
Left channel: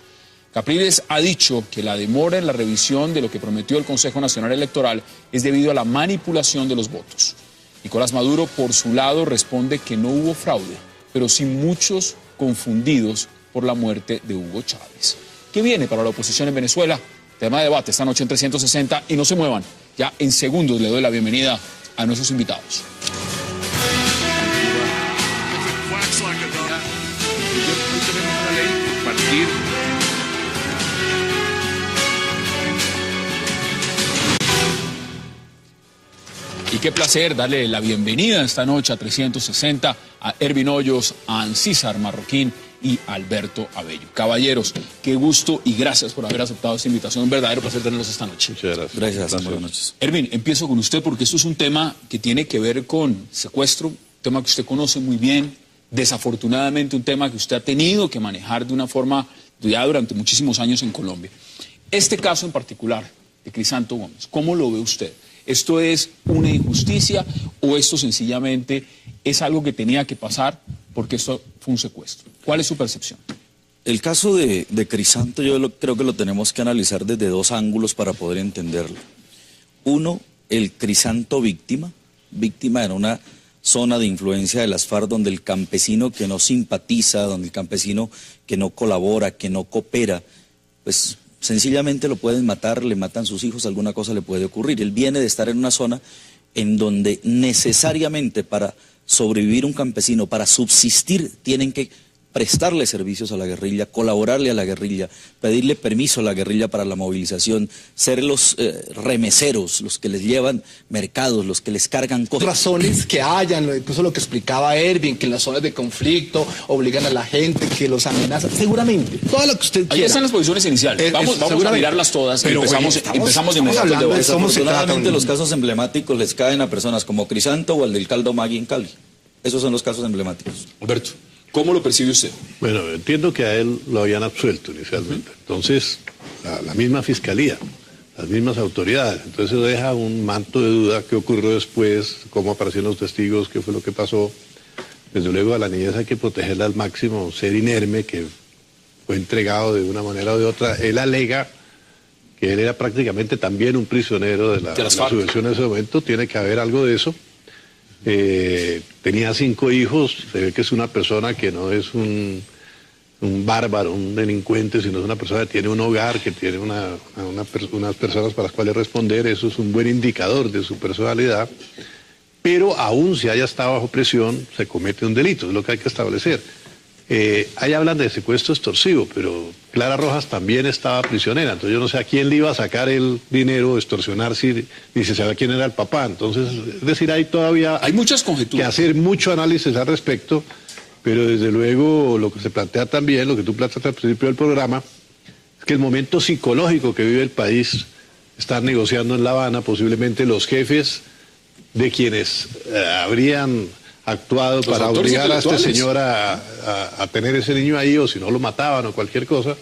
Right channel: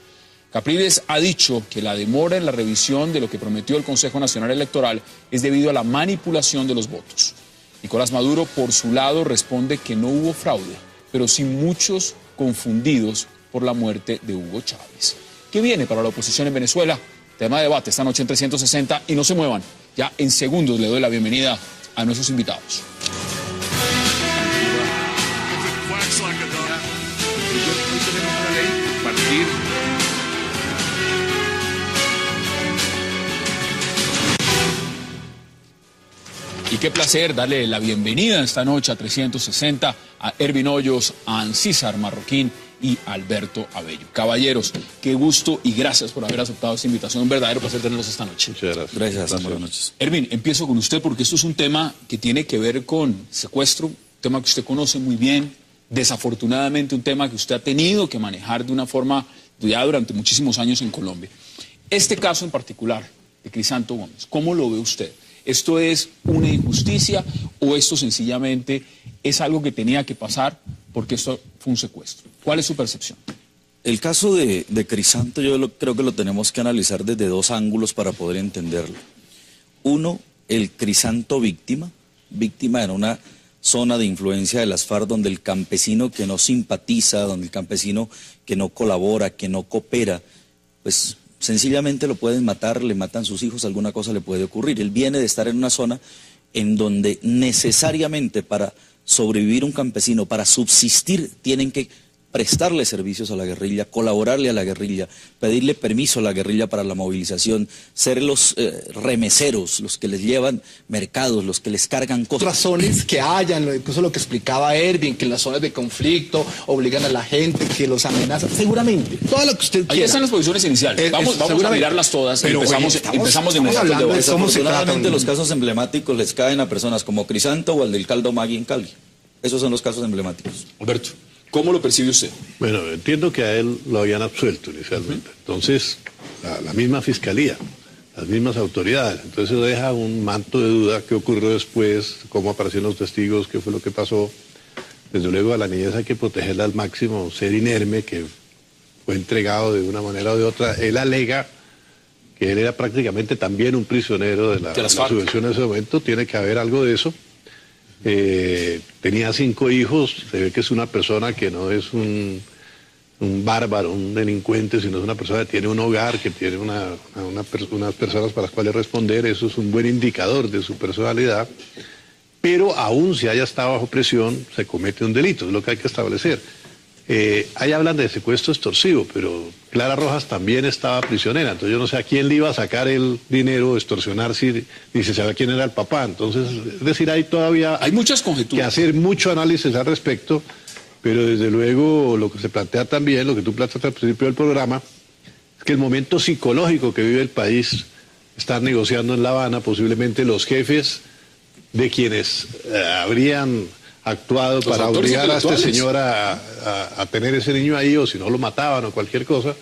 Capriles ha dicho que la demora en la revisión de lo que prometió el Consejo Nacional Electoral es debido a la manipulación de los votos. Nicolás Maduro, por su lado, responde que no hubo fraude, pero sí muchos confundidos por la muerte de Hugo Chávez. ¿Qué viene para la oposición en Venezuela? Tema de debate esta noche en 360 y no se muevan. Ya en segundos le doy la bienvenida a nuestros invitados. Y qué placer darle la bienvenida esta noche a 360 a Ervin Hoyos, a Ancísar Marroquín y a Alberto Abello. Caballeros, qué gusto y gracias por haber aceptado esta invitación. Un verdadero placer tenerlos esta noche. Muchas gracias. Gracias, buenas noches. Ervin, empiezo con usted porque esto es un tema que tiene que ver con secuestro, un tema que usted conoce muy bien, desafortunadamente un tema que usted ha tenido que manejar de una forma ya durante muchísimos años en Colombia. Este caso en particular de Crisanto Gómez, ¿cómo lo ve usted? ¿Esto es una injusticia o esto sencillamente es algo que tenía que pasar porque esto fue un secuestro? ¿Cuál es su percepción? El caso de Crisanto creo que lo tenemos que analizar desde dos ángulos para poder entenderlo. Uno, el Crisanto víctima en una zona de influencia de las FARC donde el campesino que no simpatiza, donde el campesino que no colabora, que no coopera, pues sencillamente lo pueden matar, le matan sus hijos, alguna cosa le puede ocurrir. Él viene de estar en una zona en donde necesariamente para sobrevivir un campesino, para subsistir, tienen que prestarle servicios a la guerrilla, colaborarle a la guerrilla, pedirle permiso a la guerrilla para la movilización, ser los remeseros, los que les llevan mercados, los que les cargan cosas. Razones que hayan, incluso lo que explicaba Ervin, que en las zonas de conflicto obligan a la gente, que los amenazan, seguramente, todo lo que usted quiera. Ahí están las posiciones iniciales. Vamos a mirarlas todas. Pero empezamos de estamos hablando de cómo se trata. Desafortunadamente los casos emblemáticos les caen a personas como Crisanto o el del caldo Magui en Cali. Esos son los casos emblemáticos. Alberto, ¿cómo lo percibe usted? Bueno, entiendo que a él lo habían absuelto inicialmente. Entonces, la misma fiscalía, las mismas autoridades. Entonces eso deja un manto de duda qué ocurrió después, cómo aparecieron los testigos, qué fue lo que pasó. Desde luego a la niñez hay que protegerla al máximo, ser inerme, que fue entregado de una manera o de otra. Él alega que él era prácticamente también un prisionero de la subversión en ese momento. Tiene que haber algo de eso. Tenía 5 hijos, se ve que es una persona que no es un bárbaro, un delincuente, sino es una persona que tiene un hogar, que tiene unas personas para las cuales responder. Eso es un buen indicador de su personalidad, pero aún si haya estado bajo presión, se comete un delito, es lo que hay que establecer. Ahí hablan de secuestro extorsivo, pero Clara Rojas también estaba prisionera, entonces yo no sé a quién le iba a sacar el dinero, extorsionar, ni se sabe quién era el papá. Entonces, es decir, hay todavía hay muchas conjeturas, que hacer mucho análisis al respecto, pero desde luego lo que se plantea también, lo que tú planteaste al principio del programa, es que el momento psicológico que vive el país, están negociando en La Habana posiblemente los jefes de quienes habrían actuado para obligar a este señor a tener ese niño ahí, o si no lo mataban o cualquier cosa,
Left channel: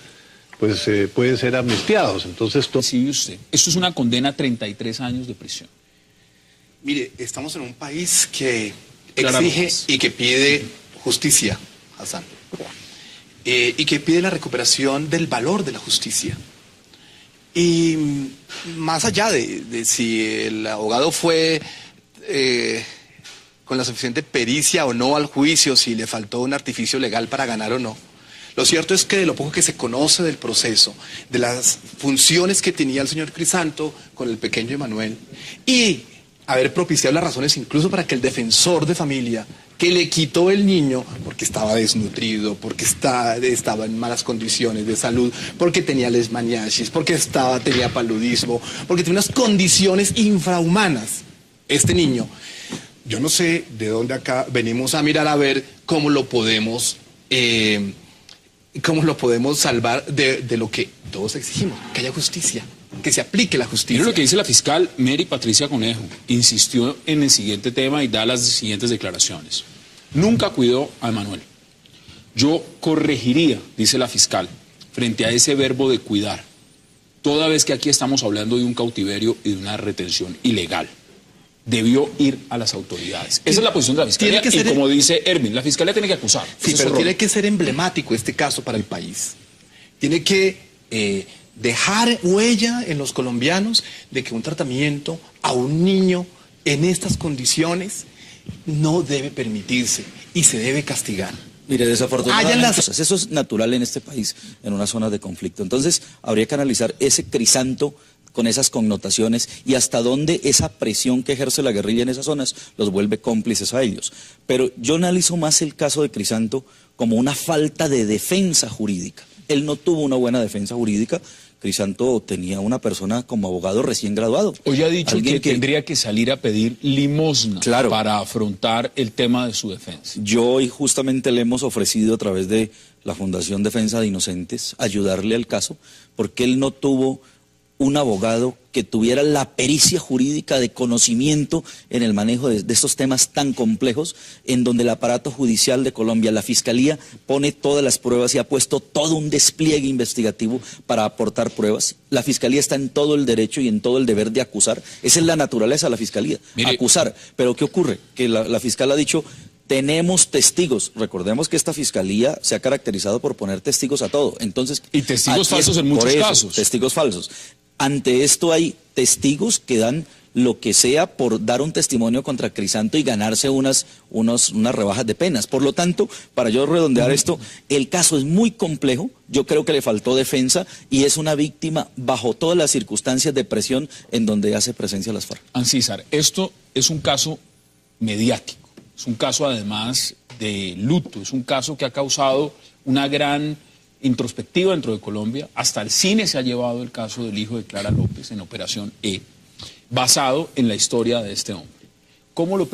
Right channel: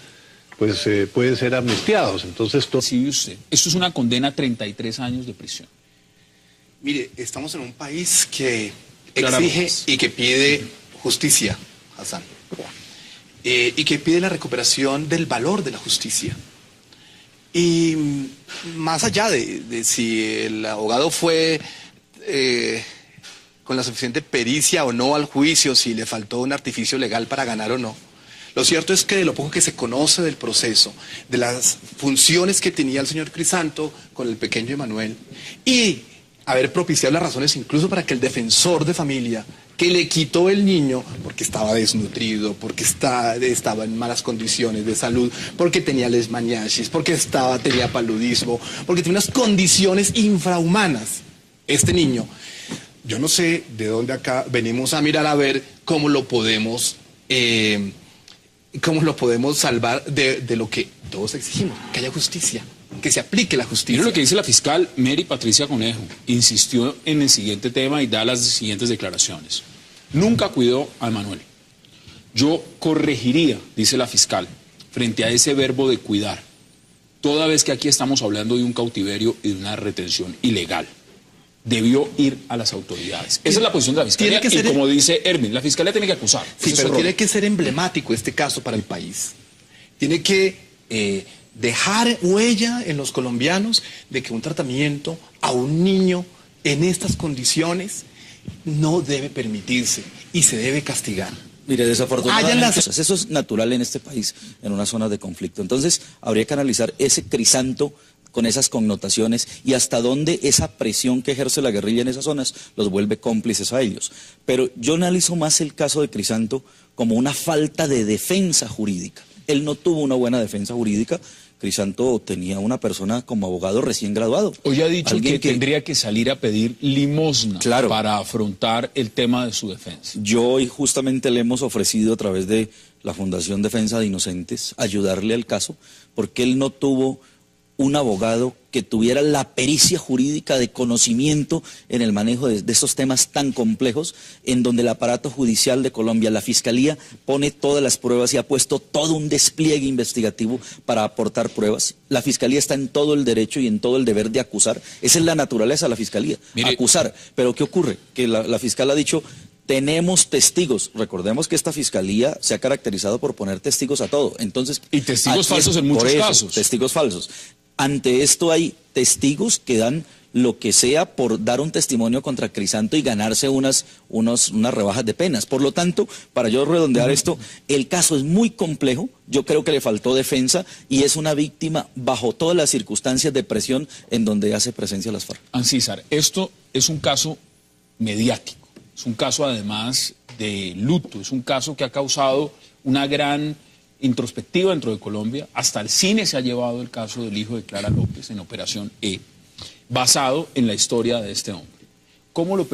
pues pueden ser amnistiados. Entonces, Percibe usted, esto es una condena a 33 años de prisión. Mire, estamos en un país que Clara exige López. y que pide justicia, Hassan, y que pide la recuperación del valor de la justicia. Y más allá de si el abogado fue con la suficiente pericia o no al juicio, si le faltó un artificio legal para ganar o no, lo cierto es que de lo poco que se conoce del proceso, de las funciones que tenía el señor Crisanto con el pequeño Emanuel, y haber propiciado las razones incluso para que el defensor de familia que le quitó el niño porque estaba desnutrido, porque estaba en malas condiciones de salud, porque tenía leishmaniasis, porque tenía paludismo, porque tenía unas condiciones infrahumanas. Este niño, yo no sé de dónde acá venimos a mirar a ver cómo lo podemos salvar de lo que todos exigimos, que haya justicia, que se aplique la justicia. Mira lo que dice la fiscal Mary Patricia Conejo. Insistió en el siguiente tema y da las siguientes declaraciones. Nunca cuidó a Emanuel. Yo corregiría, dice la fiscal, frente a ese verbo de cuidar, toda vez que aquí estamos hablando de un cautiverio y de una retención ilegal. Debió ir a las autoridades. Esa es la posición de la fiscalía. Y como dice Erwin, la fiscalía tiene que acusar. Sí, pero tiene que ser emblemático este caso para el país. Tiene que dejar huella en los colombianos de que un tratamiento a un niño en estas condiciones no debe permitirse y se debe castigar. Mire, desafortunadamente, eso es natural en este país, en una zona de conflicto. Entonces, habría que analizar ese Crisanto con esas connotaciones y hasta dónde esa presión que ejerce la guerrilla en esas zonas los vuelve cómplices a ellos. Pero yo analizo más el caso de Crisanto como una falta de defensa jurídica. Él no tuvo una buena defensa jurídica. Crisanto tenía una persona como abogado recién graduado. Hoy ha dicho que tendría que salir a pedir limosna para afrontar el tema de su defensa. Yo hoy justamente le hemos ofrecido a través de la Fundación Defensa de Inocentes ayudarle al caso, porque él no tuvo un abogado que tuviera la pericia jurídica de conocimiento en el manejo de estos temas tan complejos, en donde el aparato judicial de Colombia, la Fiscalía, pone todas las pruebas y ha puesto todo un despliegue investigativo para aportar pruebas. La Fiscalía está en todo el derecho y en todo el deber de acusar. Esa es la naturaleza de la Fiscalía, acusar. Pero ¿qué ocurre? Que la fiscal ha dicho: tenemos testigos. Recordemos que esta fiscalía se ha caracterizado por poner testigos a todo. Entonces, y testigos falsos en muchos casos. Testigos falsos. Ante esto hay testigos que dan lo que sea por dar un testimonio contra Crisanto y ganarse unas rebajas de penas. Por lo tanto, para yo redondear esto, el caso es muy complejo. Yo creo que le faltó defensa y es una víctima bajo todas las circunstancias de presión en donde hace presencia las FARC. Ancísar, esto es un caso mediático. Es un caso además de luto, es un caso que ha causado una gran introspectiva dentro de Colombia. Hasta el cine se ha llevado el caso del hijo de Clara López en Operación E, basado en la historia de este hombre. ¿Cómo lo